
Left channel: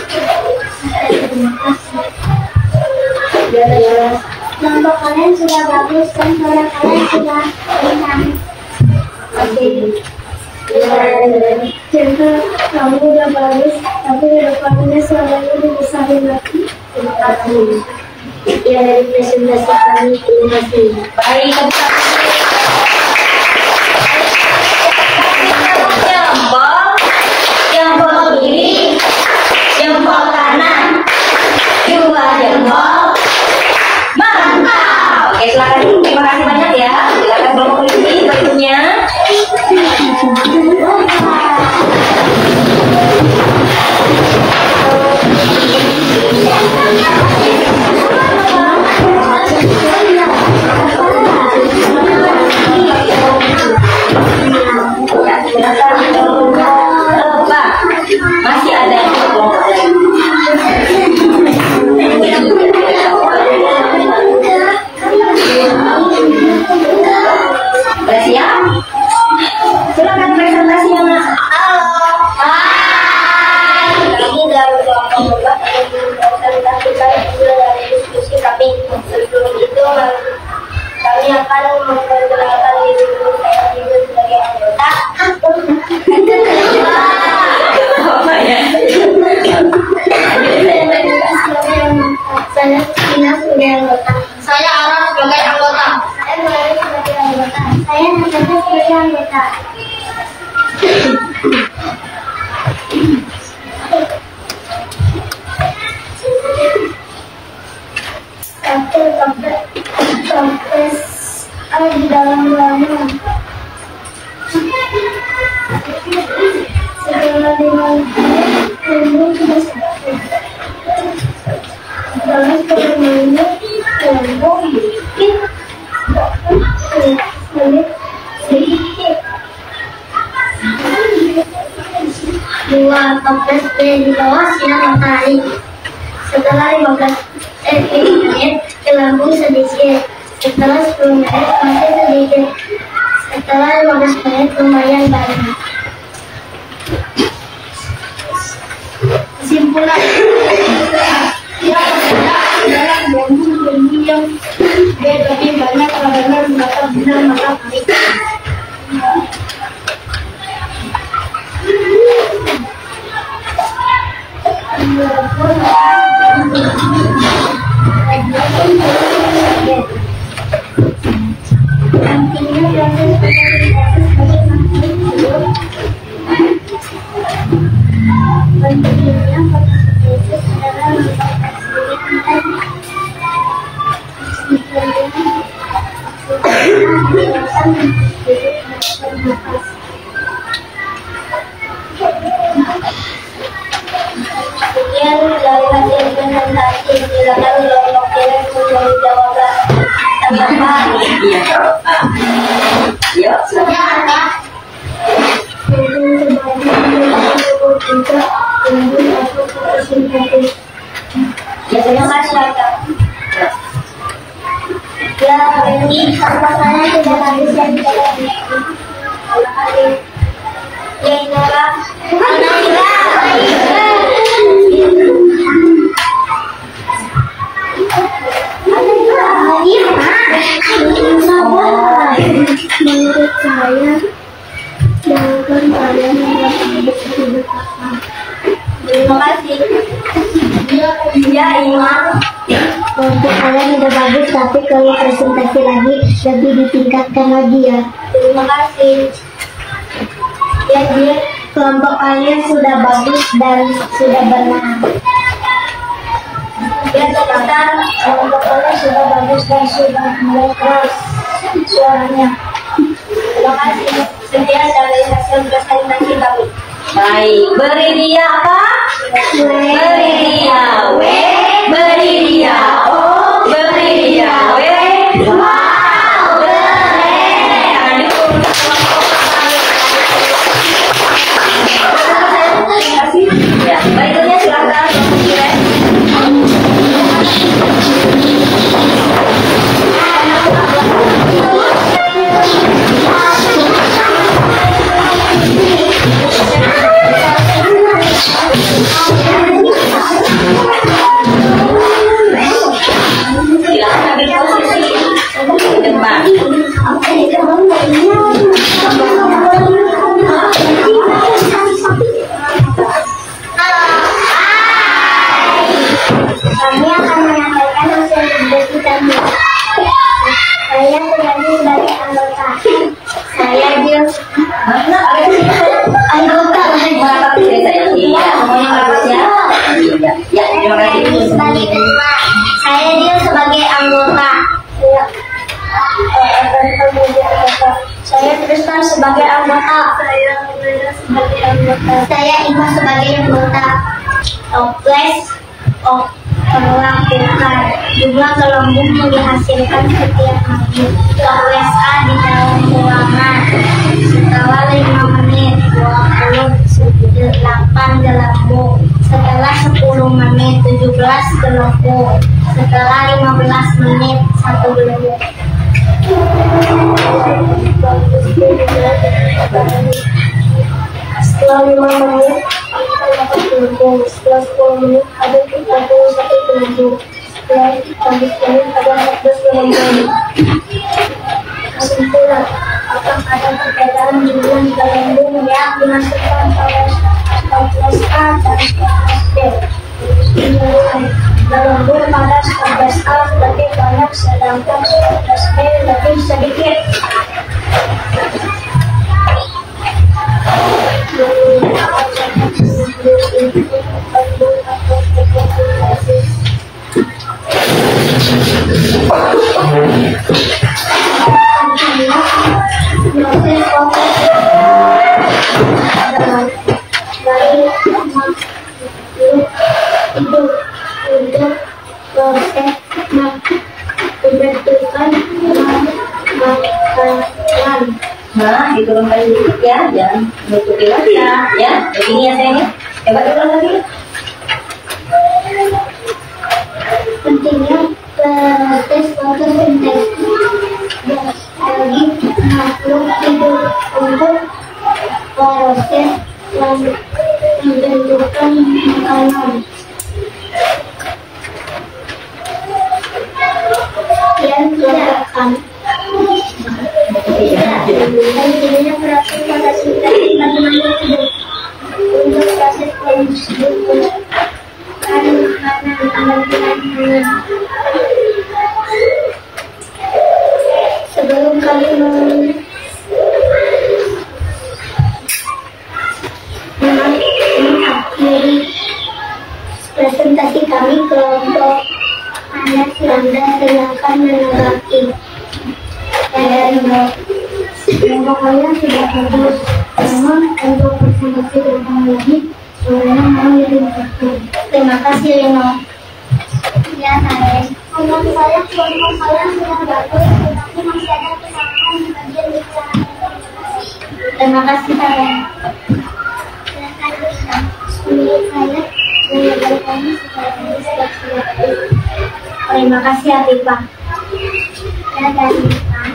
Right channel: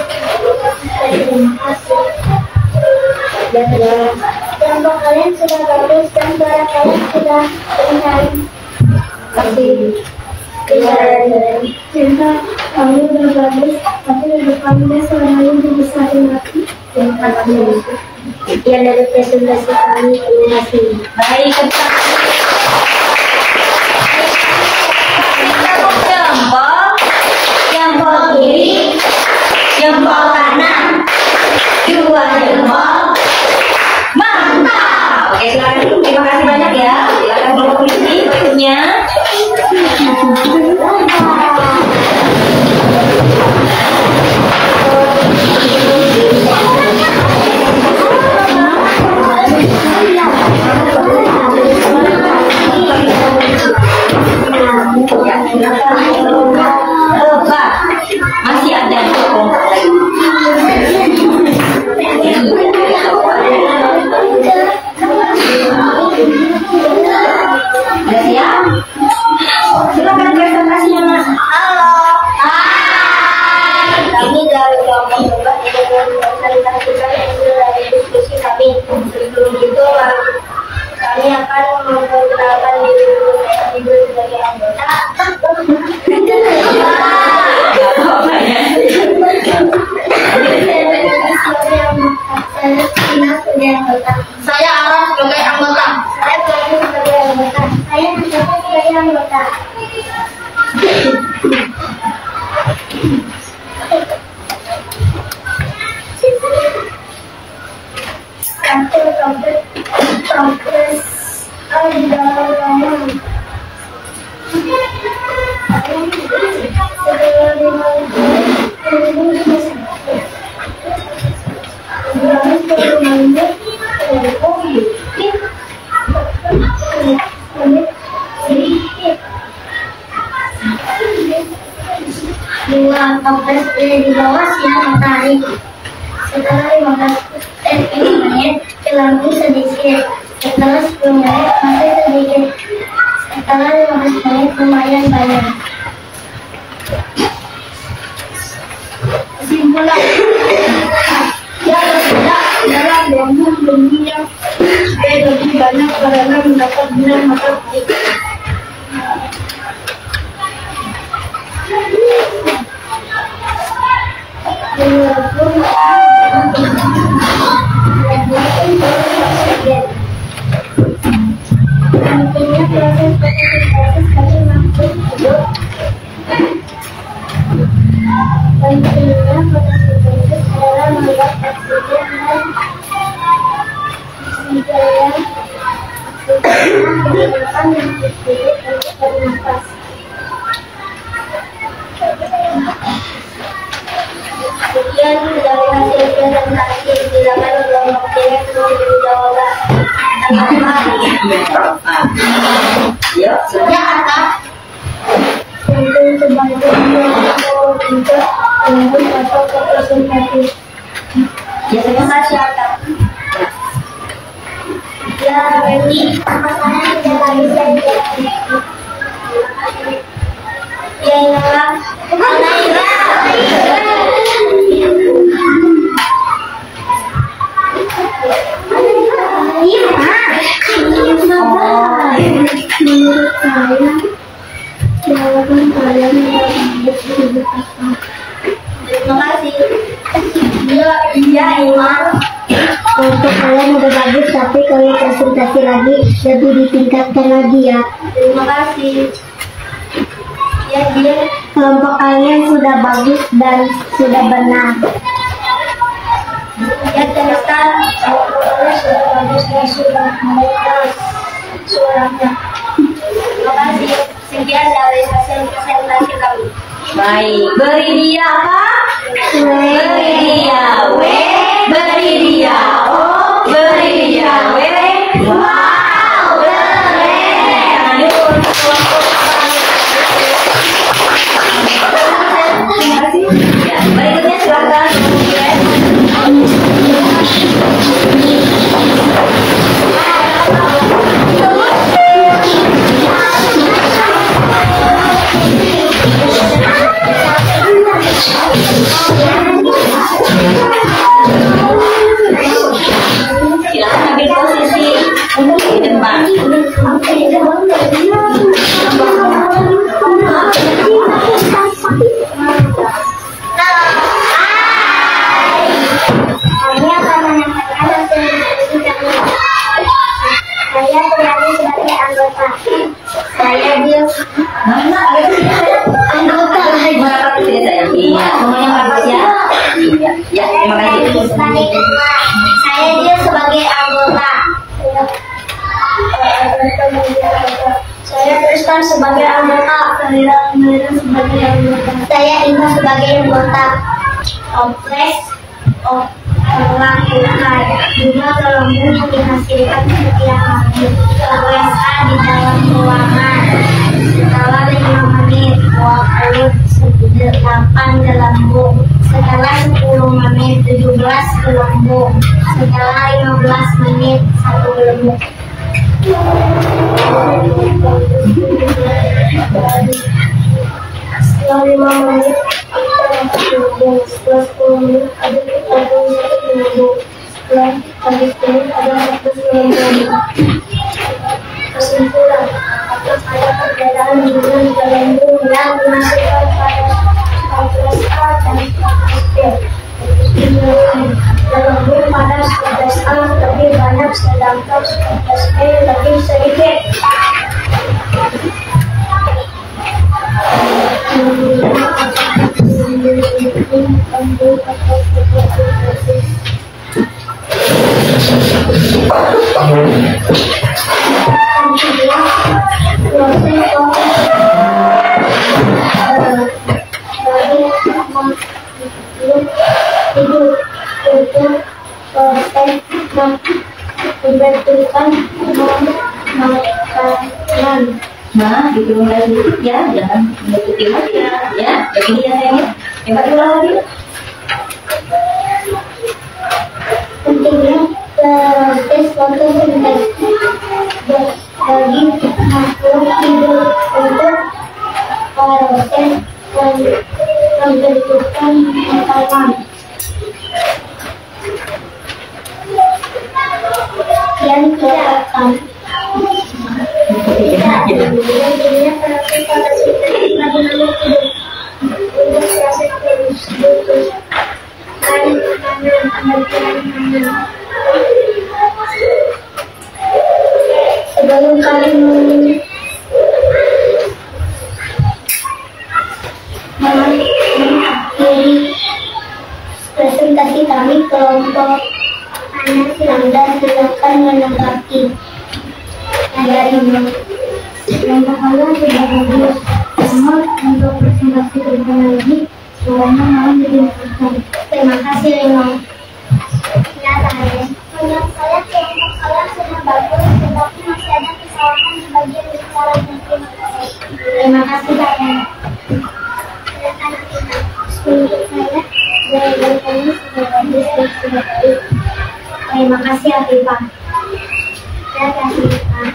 Terima kasih. Ya, kelompok kalian sudah bagus dan suara kalian sudah ringan. Kasih. Cinta, kamu udah bagus, tapi depannya suaranya dibesarin lagi. Terima kasih. Ya, dari presentasi kami, terima kasih. Baik, jempol kiri, jempol kanan, dua jempol. Mantap. Oke, silakan. Terima kasih banyak ya. Silakan kelompok polisi berikutnya. Masih ada kelompok lain. Sudah siap? Silakan presentasinya, Mas. Halo. Hai. Kami dari kelompok Lebah ingin mempresentasikan hasil dari diskusi kami. Sebelum itu, kami akan memperkenalkan diri dulu. Saya Ibu sebagai anggota. Saya Tina sebagai anggota. Saya Araf sebagai anggota. Saya Melayu sebagai anggota. Saya Natasha sebagai anggota. Hasil kompres di dalam ruangan. Setelah dimulai, kelompok sudah selesai. Kami bermainnya kelompok sedikit. Dua kompres di bawah sinar matahari. Setelah 15 menit, gelembung sedikit. Setelah 10 menit, masih sedikit. Setelah 15 menit, lumayan banyak. Kesimpulan. Yang tidak adalah gelembung yang lebih banyak karena mendapat sinar matahari. Nantinya proses fotosintesis bagi makhluk hidup. Pentingnya fotosintesis adalah membuat oksigen dan digunakan makhluk hidup untuk bernapas. Sekian dari hasil presentasi. Silakan kelompok kiri menjawab jawaban. Iya. Yuk, silakan. Untuk sebagai untuk gelembung atau fotosintesis. Ya, terima kasih, Kak. Ya, ini pasangan sudah habis dari terima kasih. Ya, Inara. Menurut saya, jawaban kalian adalah hidup apa? Terima kasih. Ya, Iman. Untuk kalian udah bagus, tapi kalau presentasi lagi lebih ditingkatkan lagi ya. Terima kasih. Ya, dia kelompok kalian sudah bagus dan sudah benar. Ya, Tristan, kelompok kalian sudah bagus dan sudah mulai keras suaranya. Terima kasih. Sekian dari hasil presentasi kami. Baik, beri dia apa? Beri dia W, beri dia O, beri dia W. Wow, keren. Terima kasih. Ya, berikutnya silakan. Ilham sebagai anggota. Saya Umaira sebagai anggota. Saya Ima sebagai anggota. Toples melakukan jumlah gelembung yang dihasilkan setiap hari. Toples A di dalam ruangan. Setelah 5 menit 28 gelembung. Setelah 10 menit 17 gelembung. Setelah 15 menit 1 gelembung. Setelah 5 menit kita dapat gelembung. Setelah 10 menit ada 31 gelembung. Setelah 15 menit ada 14 gelembung. Kesimpulan, akan ada perbedaan jumlah gelembung yang dimasukkan pada toples A dan toples B. Gelembung pada toples A lebih banyak sedangkan toples B lebih sedikit. Nah, diturunkan sedikit ya, jangan menutupi mata ya. Begini ya sayangnya. Hebat ulang lagi. Pentingnya proses fotosintesis bagi makhluk hidup untuk proses pembentukan makanan. Dan tidak akan pentingnya proses fotosintesis bagi makhluk hidup untuk proses pembentukan makanan. Sebelum kalian mengakhiri presentasi kami, kelompok Anda silakan menanggapi. Kelompok kalian sudah bagus. Namun untuk presentasi teknologi semuanya mau dilakukan. Terima kasih Lino. Ya saya. Kelompok saya sudah bagus, tetapi masih ada kesalahan di bagian bicara. Terima kasih Karen. Silakan Lina. Saya dari kami sudah bagus dan sudah baik. Terima kasih Afifah. Ya Afifah.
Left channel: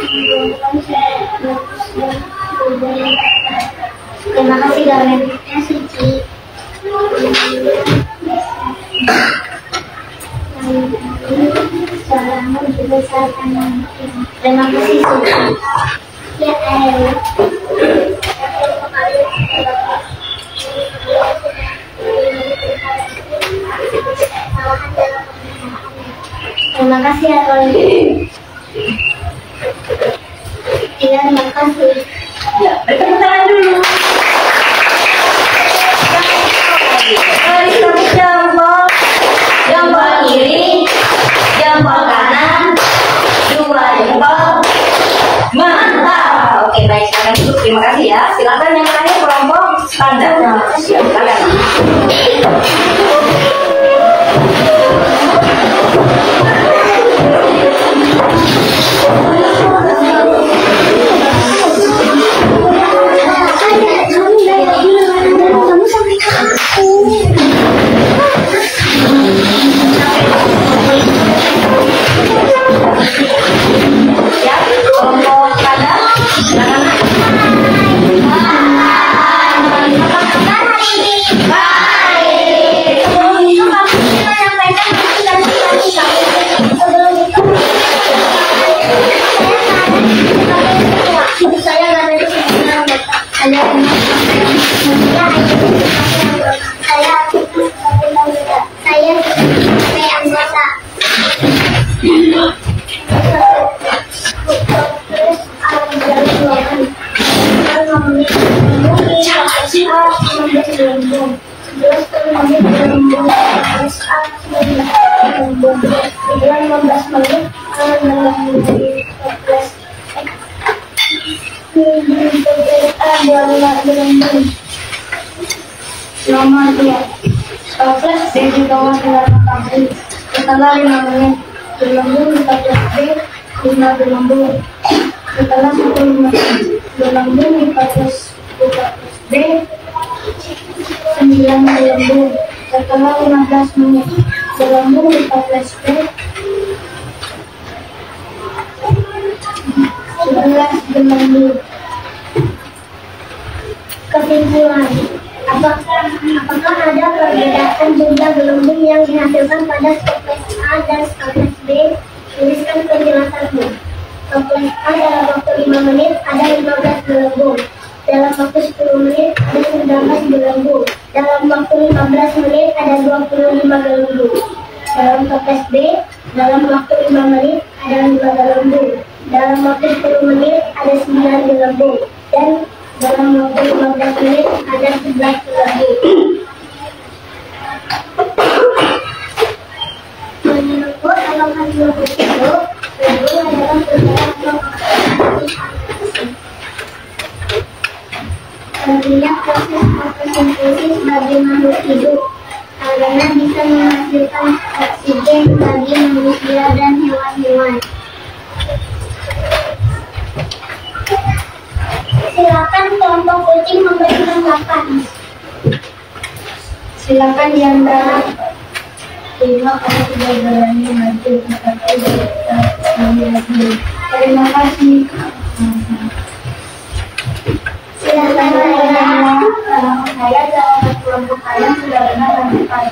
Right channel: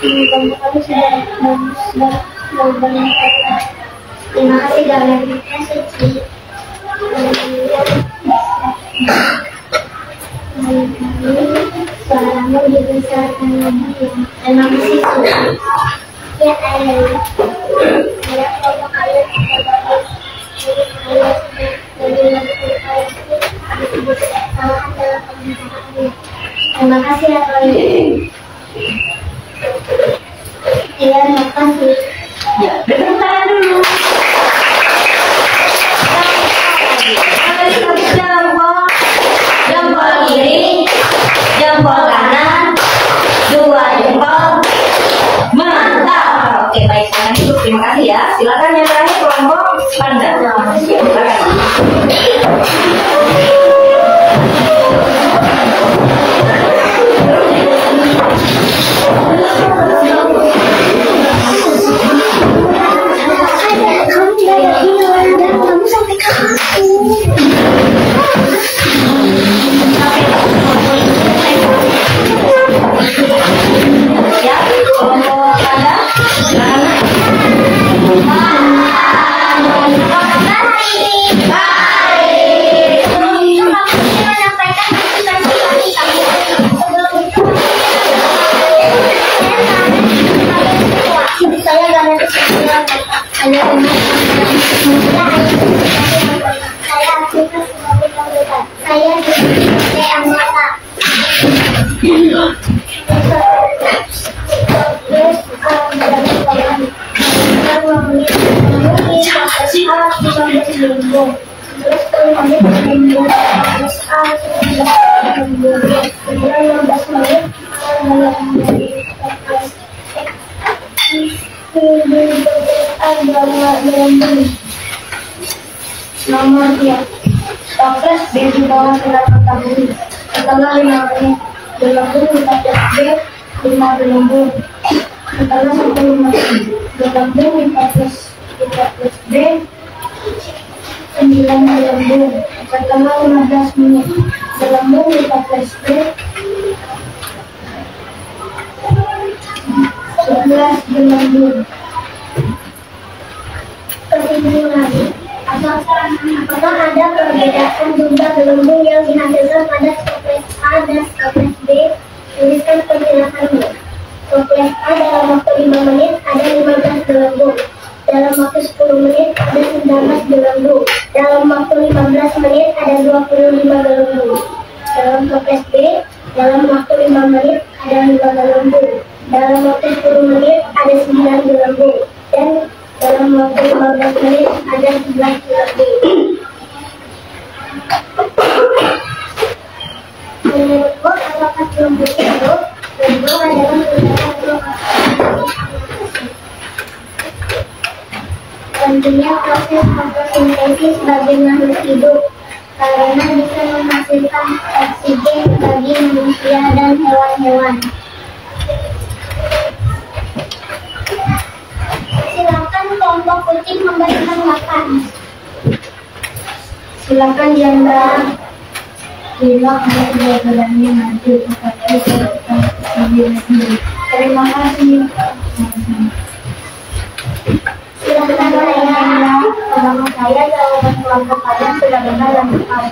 Kelompok kami sudah bagus dan banyak. Terima kasih Garnet. Ya Suci. Suaramu dibesarkan lagi. Terima kasih Suci. Ya El. Saya kelompok kalian sudah bagus. Terima kasih ya Roy. Ya terima kasih. Ya, berikan tangan dulu. Tarik jempol, jempol kiri, jempol kanan, 2 jempol. Mantap. Oke baik, sekarang dulu. Terima kasih ya. Silakan yang terakhir kelompok standar. Silakan. dalam gelembung. Nomor 2. Toples B di bawah sinar matahari. Setelah 5 menit, gelembung 14B 5 gelembung. Setelah 10 menit, gelembung 14B 9 gelembung. Setelah 15 menit, gelembung 14B 11 gelembung. Kesimpulan, apakah ada perbedaan jumlah gelembung yang dihasilkan pada toples A dan toples B? Tuliskan penjelasannya. Toples A dalam waktu 5 menit ada 15 gelembung. Dalam waktu 10 menit ada 19 gelembung. Dalam waktu 15 menit ada 25 gelembung. Dalam toples B, dalam waktu 5 menit ada 5 gelembung. Dalam waktu 10 menit ada 9 gelembung. Dan dalam waktu 15 menit ada 11 gelembung. Menurutku, apakah gelembung itu? Gelembung adalah pentingnya proses fotosintesis bagi makhluk hidup karena bisa menghasilkan oksigen bagi manusia dan hewan-hewan. Silakan kelompok kucing memberi tanggapan. Silakan Yanda. Terima kasih sudah berani maju tetapi tetap lagi. Terima kasih. Silakan Yanda. Selama saya jawaban kelompok kalian sudah benar dan tepat.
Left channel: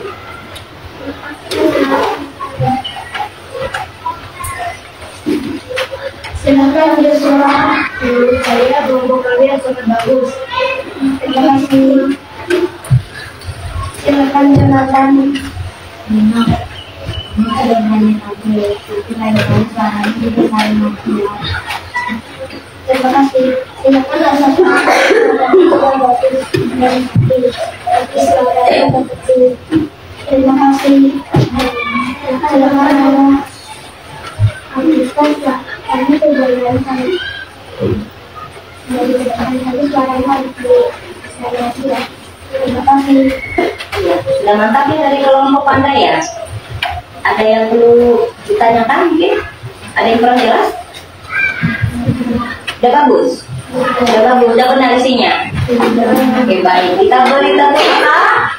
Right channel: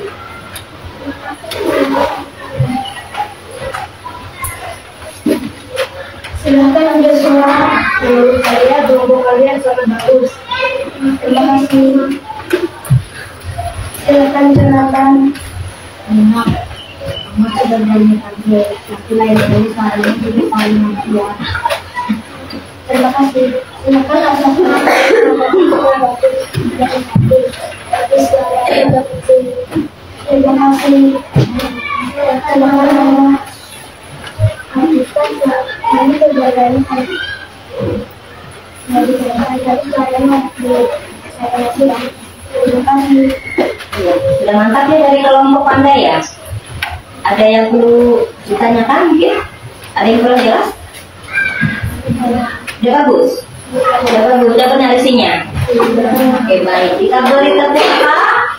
Silakan Joshua. Menurut saya kelompok kalian sangat bagus. Terima kasih. Silakan Jonathan. Enak. Maka dan hanya saja, tapi lain kali suaranya juga saling manusia. Terima kasih. Silakan Rasa. Terima kasih. Silakan Rasa. Kami kejadian hari. Dari kejadian tadi suaranya saya kasih ya. Terima kasih. Sudah mantap ya dari kelompok Anda ya. Ada yang perlu ditanyakan mungkin? Ada yang kurang jelas? Udah bagus? Udah bagus, udah benar isinya? Oke baik, kita beri tepuk tangan.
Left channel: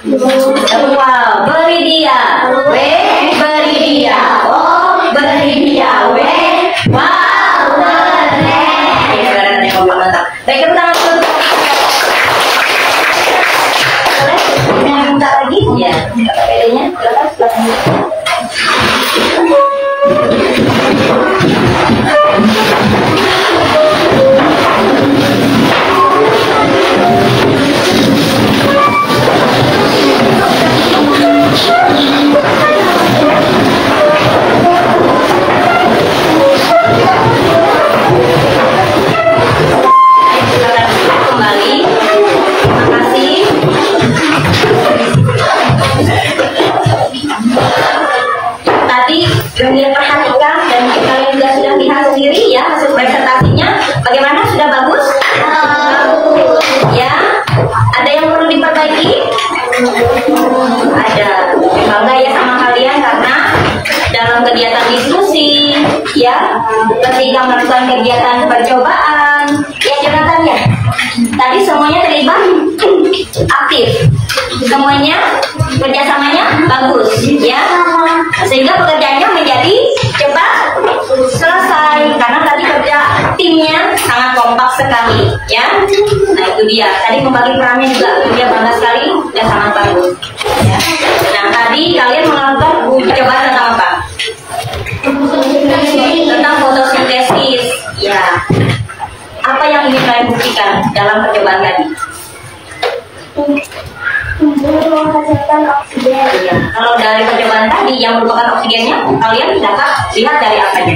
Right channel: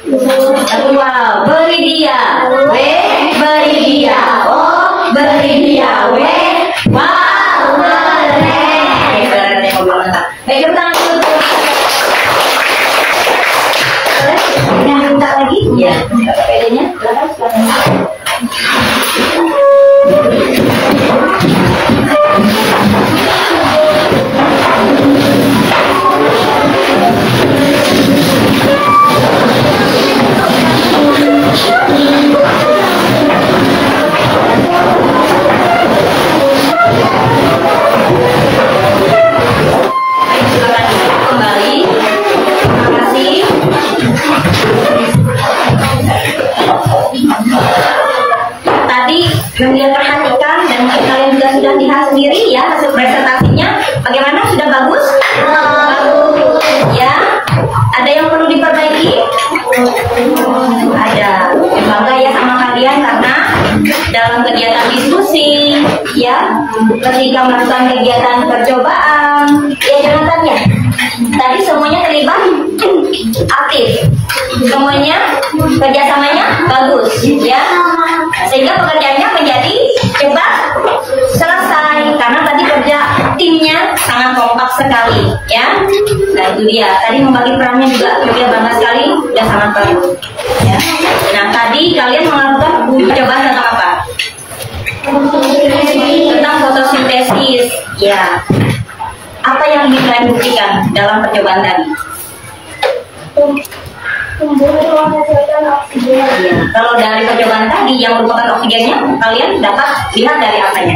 Wow, beri dia, beri dia, beri dia, wow, keren. Keren yang mantap. Baik, tepuk tangan dulu. Mau minta lagi? Ya, pedenya, silakan. Kalian perhatikan dan kalian juga sudah lihat sendiri ya hasil presentasinya. Bagaimana? Sudah bagus? Bagus. Ya. Ada yang perlu diperbaiki? Ada. Bangga ya sama kalian karena dalam kegiatan diskusi, ya, ketika melakukan kegiatan percobaan, ya jelasannya. Tadi semuanya terlibat aktif. Semuanya kerjasamanya bagus, ya. Sehingga pekerjaannya menjadi cepat selesai karena tadi kerja timnya sangat kompak sekali, ya. Nah itu dia. Tadi membagi perannya juga dia bangga sekali dan sangat bagus. Ya. Nah tadi kalian melakukan percobaan tentang apa? Tentang fotosintesis. Ya. Apa yang ingin kalian buktikan dalam percobaan tadi? Tumbuh menghasilkan oksigen. Ya. Kalau dari percobaan tadi yang merupakan oksigennya, kalian dapat lihat dari apanya?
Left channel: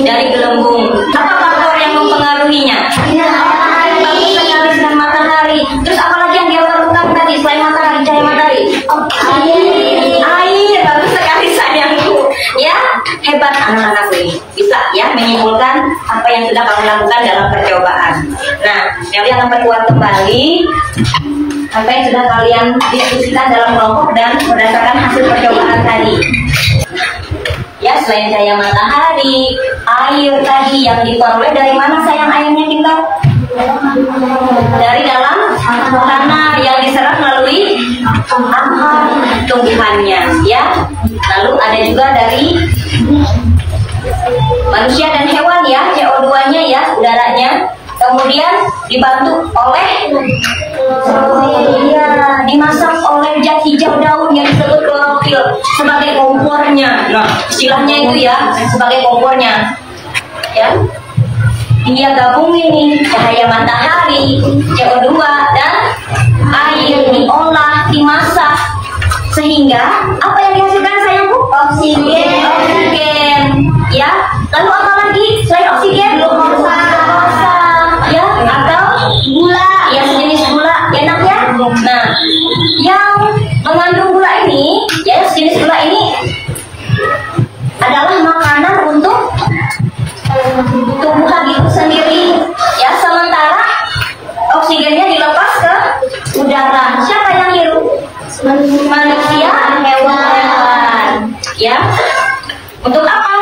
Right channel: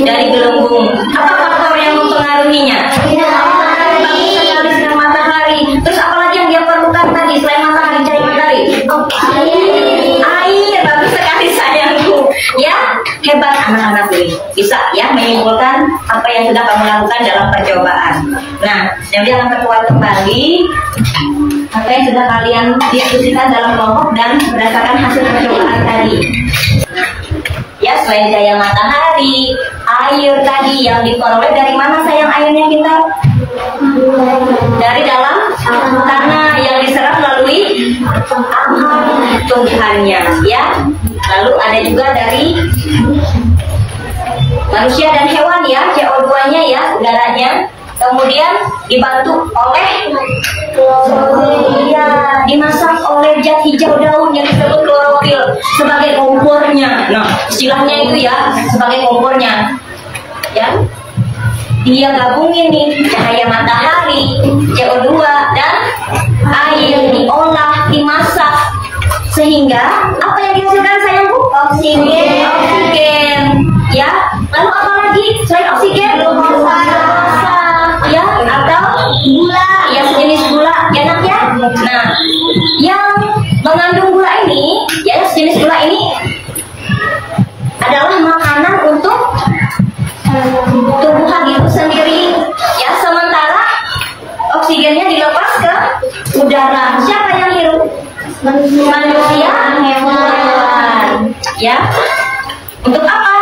Dari gelembung. Apa faktor yang mempengaruhinya? Bagus sekali sinar matahari. Terus apalagi yang dia perlukan tadi selain matahari, cahaya matahari? Air. Bagus sekali sayangku. Ya, hebat anak-anak ini. Bisa ya menyimpulkan apa yang sudah kamu lakukan dalam percobaan. Nah, nanti akan perkuat kembali apa yang sudah kalian diskusikan dalam kelompok dan berdasarkan hasil percobaan tadi. Ya, selain cahaya matahari, air tadi yang diperoleh dari mana sayang airnya kita? Dari dalam tanah yang diserap melalui tumbuhannya, ya. Lalu ada juga dari manusia dan hewan ya, CO2-nya ya, udaranya. Kemudian dibantu oleh dimasak oleh zat hijau daun yang disebut klorofil sebagai kompornya. Nah, istilahnya itu ya, sebagai kompornya. Ya. Dia gabungin nih cahaya matahari, CO2 dan air diolah, dimasak sehingga apa yang dihasilkan sayangku? Oksigen. Oksigen. Ya. Lalu apa lagi selain oksigen? Glukosa. Ya, atau gula, ya sejenis gula, enak ya. Nah, yang mengandung gula ini, ya sejenis gula ini adalah makanan untuk tubuhan itu sendiri. Ya, sementara oksigennya dilepas ke udara. Siapa yang hirup? Manusia, hewan. Ya, untuk apa?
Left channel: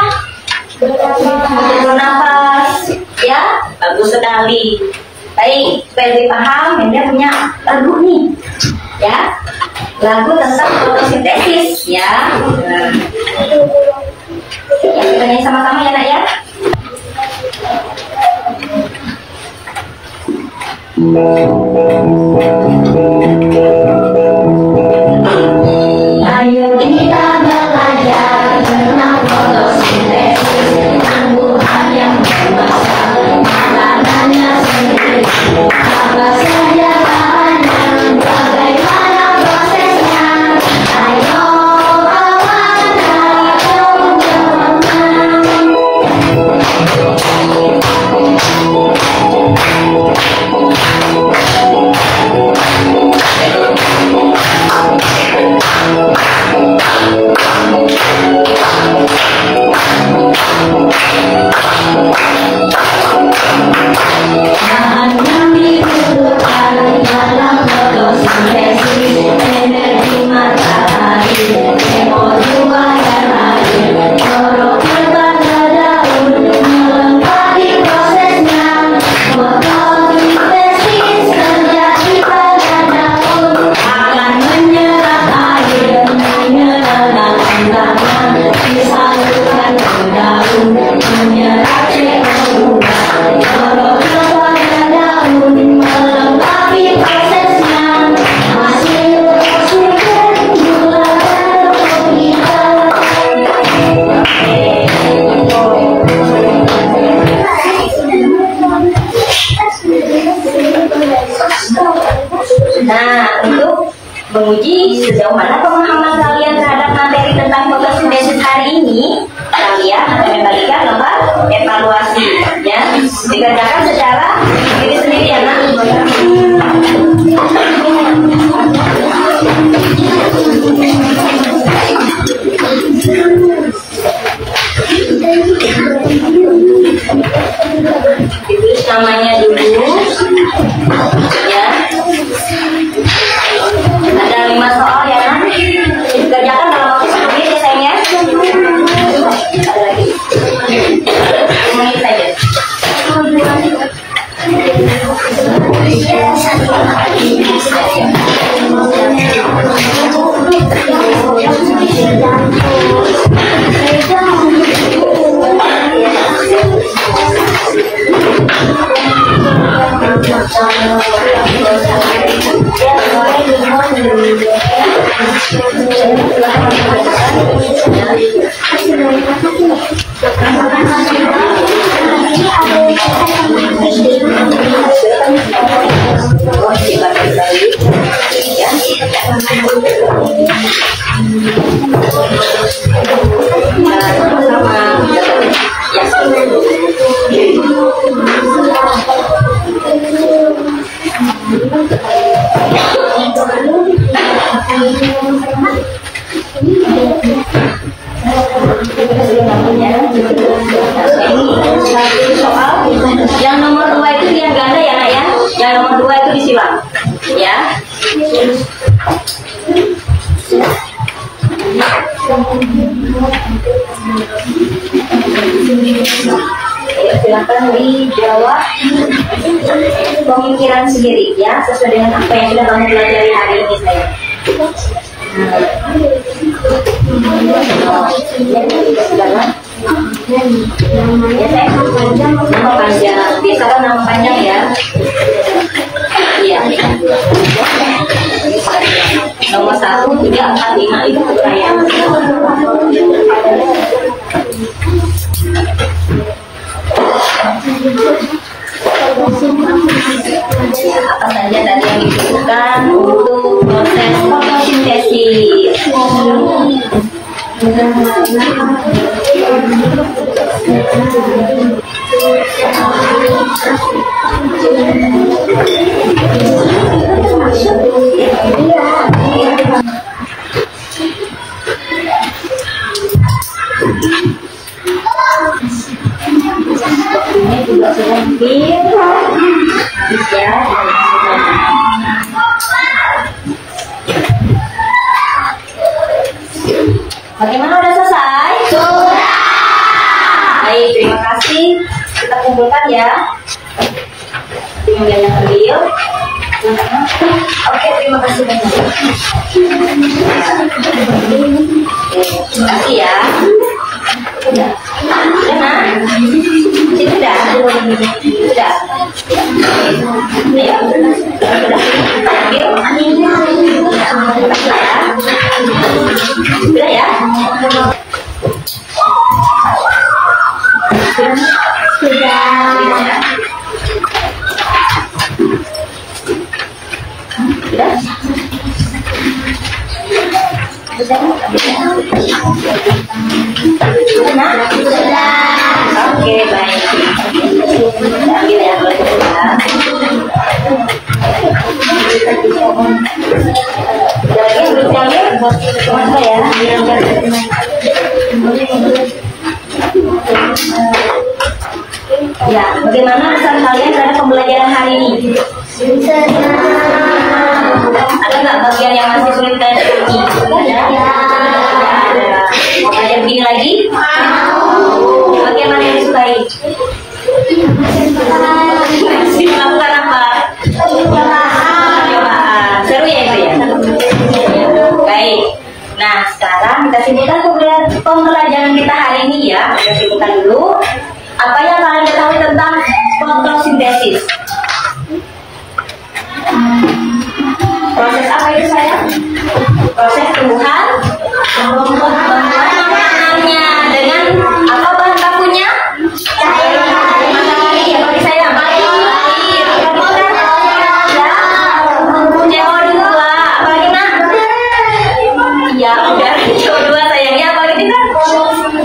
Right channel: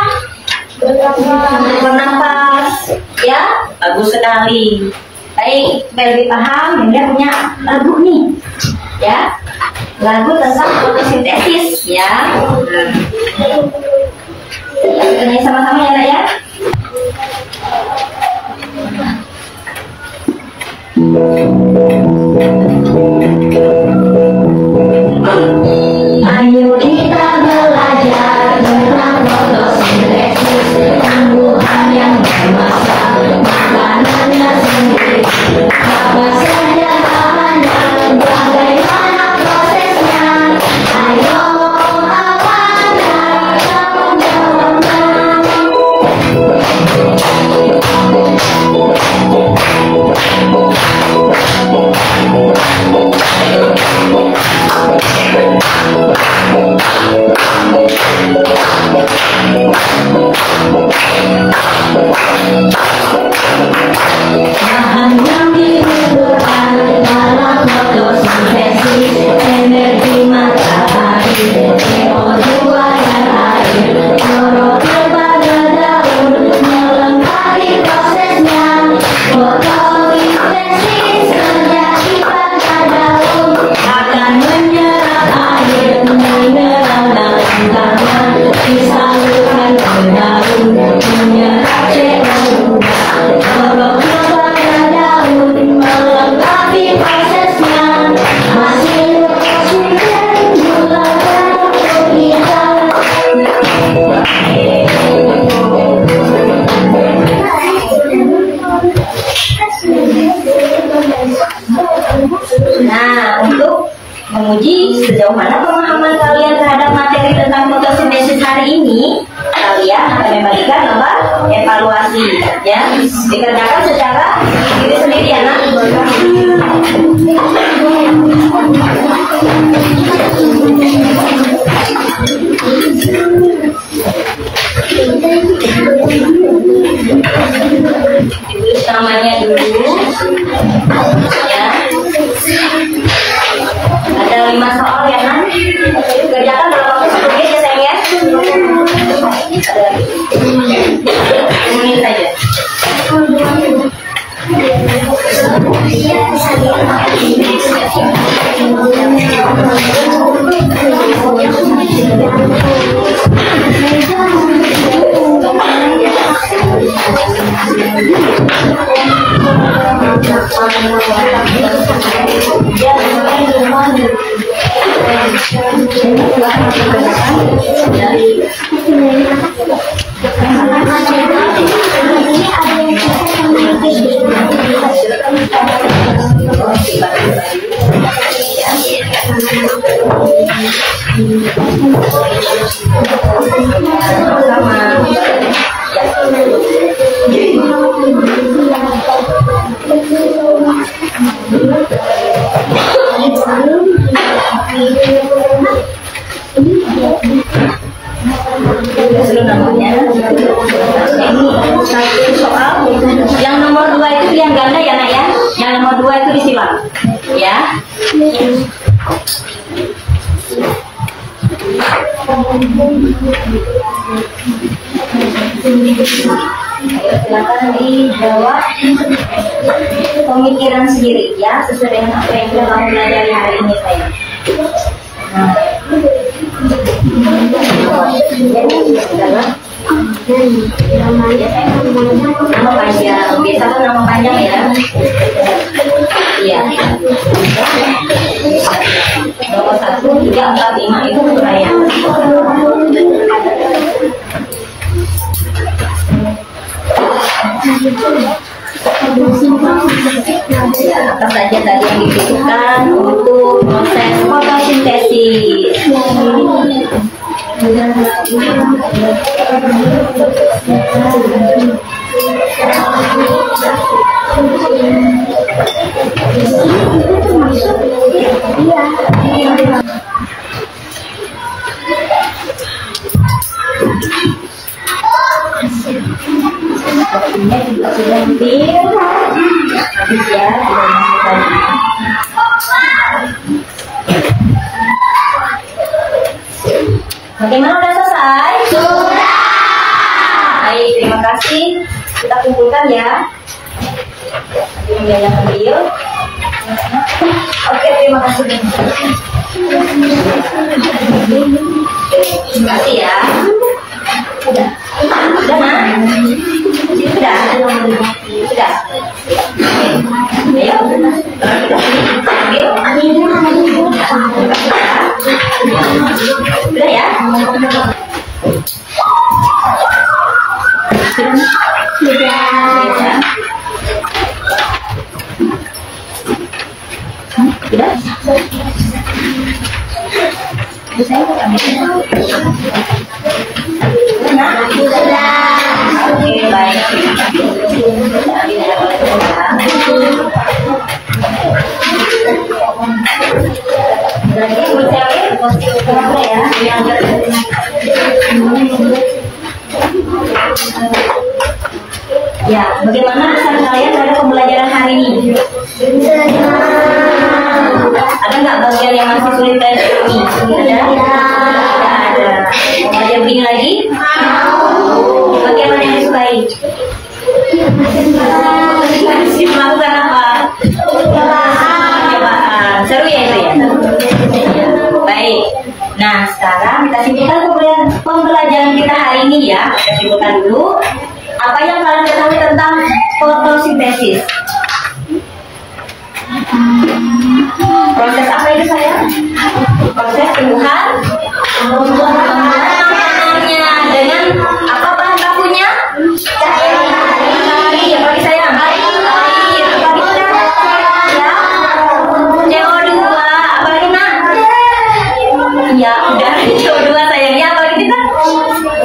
Bernafas, ya, bagus sekali. Baik, lebih paham, dia punya lagu nih, ya, lagu tentang fotosintesis, ya. Kita nyanyi sama-sama ya, nak ya. Ayo kita belajar tentang fotosintesis, tumbuhan yang memasak makanannya sendiri. Apa saja bahannya, bagaimana prosesnya? Ayo kawan, kamu berteman. Bahan yang dibutuhkan dalam fotosintesis, energi matahari, CO2 dan air, klorofil pada daun melengkapi prosesnya. Fotosintesis terjadi pada daun, akan menyerap air, menyerapkan tanah, disalurkan ke daun, menyerap CO2. Klorofil pada daun melengkapi prosesnya, hasil oksigen gula darah kita. Nah, untuk menguji sejauh mana pemahaman kalian terhadap materi tentang fotosintesis hari ini, kalian akan membagikan lembar evaluasi, ya, dikerjakan secara diri sendiri ya, nak. Ditulis namanya dulu, ya. Ada 5 soal ya, nak. Dikerjakan dalam waktu 10 menit ya, sayang ya. Ada lagi 10 menit saja. Yang nomor 2 itu yang ganda ya, nak ya. Ya. Silakan dijawab pemikiran sendiri ya, sesuai dengan apa yang sudah kamu pelajari hari ini saya. Namanya saya nama panjang, biasa kan nama panjang ya. Iya. Nomor 1, 3, 4, 5 itu saya. Apa saja tadi yang dibutuhkan untuk proses fotosintesis? Waktunya juga sudah hampir habis ya, bagaimana, udah selesai? Sudah. Baik, terima kasih. Kita kumpulkan ya. Yang ambil. Oke, terima kasih banyak. Terima kasih ya. Sudah. Sudah, Mak? Sudah. Sudah. Ayo. Sudah ya? Sudah? Oke, baik. Ambil ya, boleh ya. Lagi siapin buat teman saya. Ya, bagaimana pesan kalian terhadap pembelajaran hari ini? Ada nggak bagian yang masih sulit kalian pahami? Ada? Ada. Mau belajar begini lagi? Bagaimana yang disukai? Melakukan apa? Percobaan. Seru ya itu ya? Baik. Nah, sekarang kita simpulkan pembelajaran kita hari ini ya. Kita simpulkan dulu. Apa yang kalian ketahui tentang fotosintesis? Proses apa itu saya? Proses tumbuhan namanya dengan apa bahan bakunya? Ya, bagi saya nama air. CO2. Apalagi nak? Ya, udah CO2 sayangnya. Apalagi itu kan?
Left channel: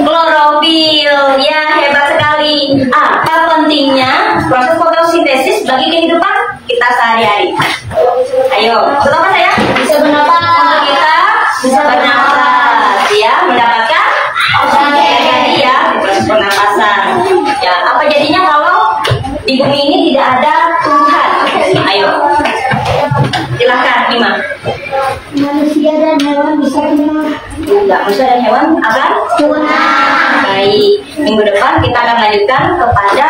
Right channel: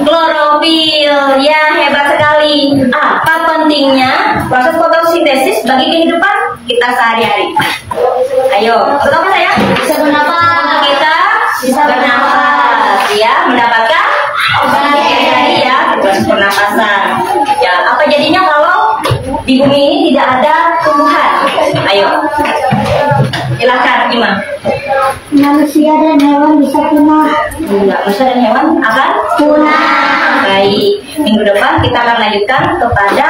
Klorofil. Ya, hebat sekali. Apa pentingnya proses fotosintesis bagi kehidupan kita sehari-hari? Ayo, pertama saya bisa bernafas. Kita bisa bernafas, ya, mendapatkan oksigen ya, pernapasan. Ya, apa jadinya kalau di bumi ini tidak ada tumbuhan? Ayo, silakan, Ima. Manusia dan hewan bisa punah. Enggak, manusia dan hewan akan punah. Baik, minggu depan kita akan lanjutkan kepada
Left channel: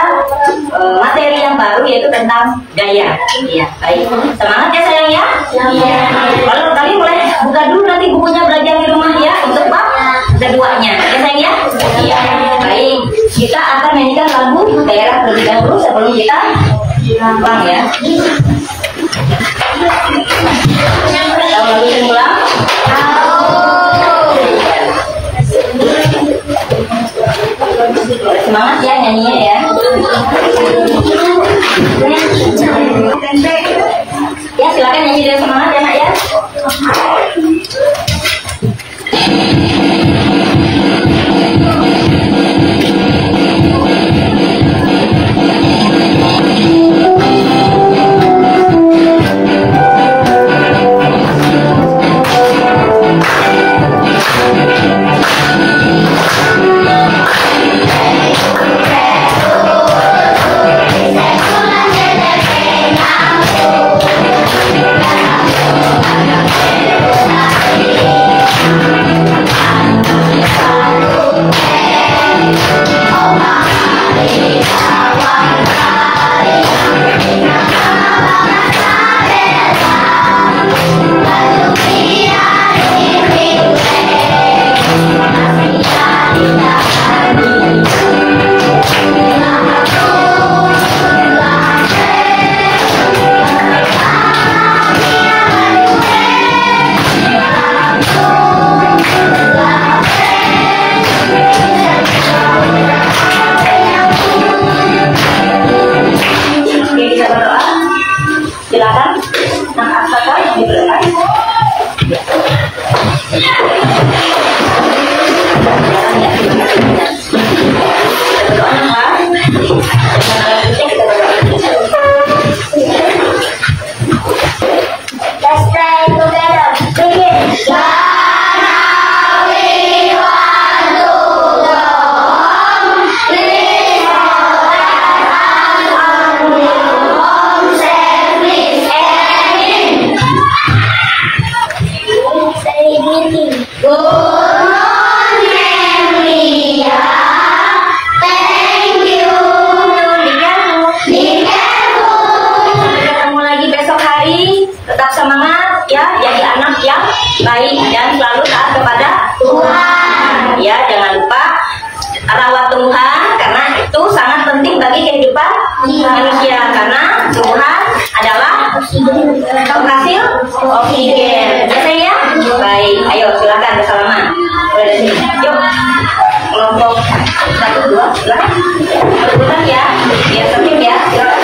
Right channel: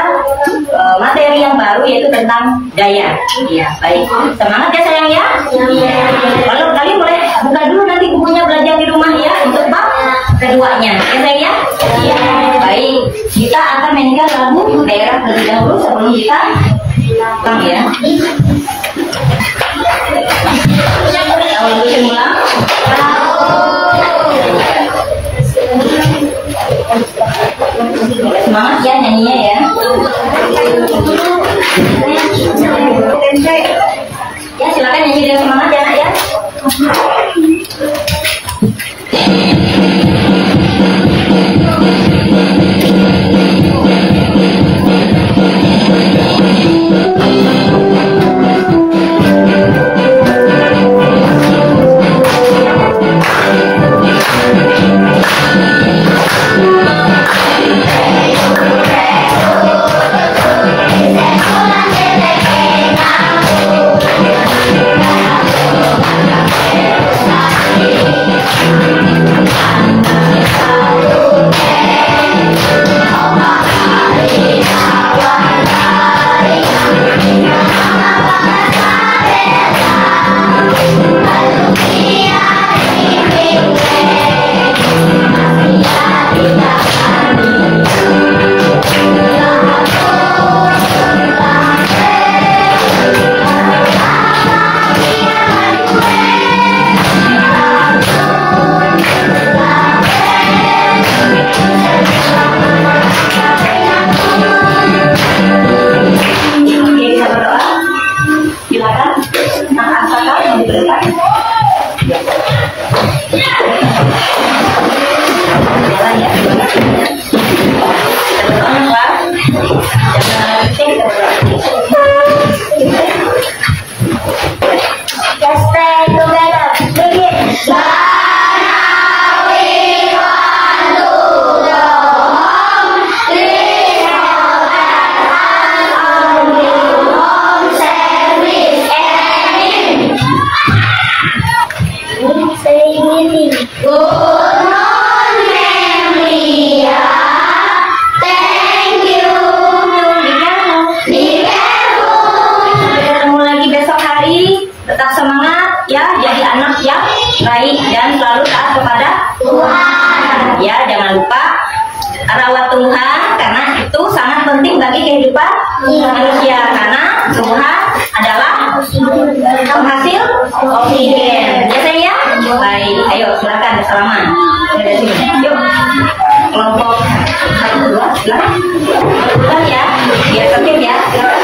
materi yang baru yaitu tentang daya. Iya, baik. Semangat ya sayang ya. Iya. Lalu kalian boleh buka dulu nanti bukunya belajar di rumah ya untuk bab keduanya. Ya sayang ya. Iya. Baik, kita akan mainkan lagu daerah terlebih dahulu sebelum kita pulang ya. Tahu dulu semula. Semangat ya nyanyinya ya. Ya silakan nyanyi dengan semangat ya nak ya. maju ke depan. Jalan ya. Kita berdoa apa? Jangan kita berdoa. Let's pray together. Begin. Say greeting. Good morning, Ria. Thank you. Sampai ketemu lagi besok hari. Tetap semangat ya, jadi anak yang baik dan selalu taat kepada Tuhan. Ya, jangan lupa rawat tumbuhan karena itu sangat penting bagi kehidupan manusia karena tumbuhan adalah penghasil oksigen. Ya sayang? Baik, ayo silakan bersalaman. Dari sini. Yuk. Kelompok 1, 2, silakan. Silakan ya. Biar tertib ya. Silakan.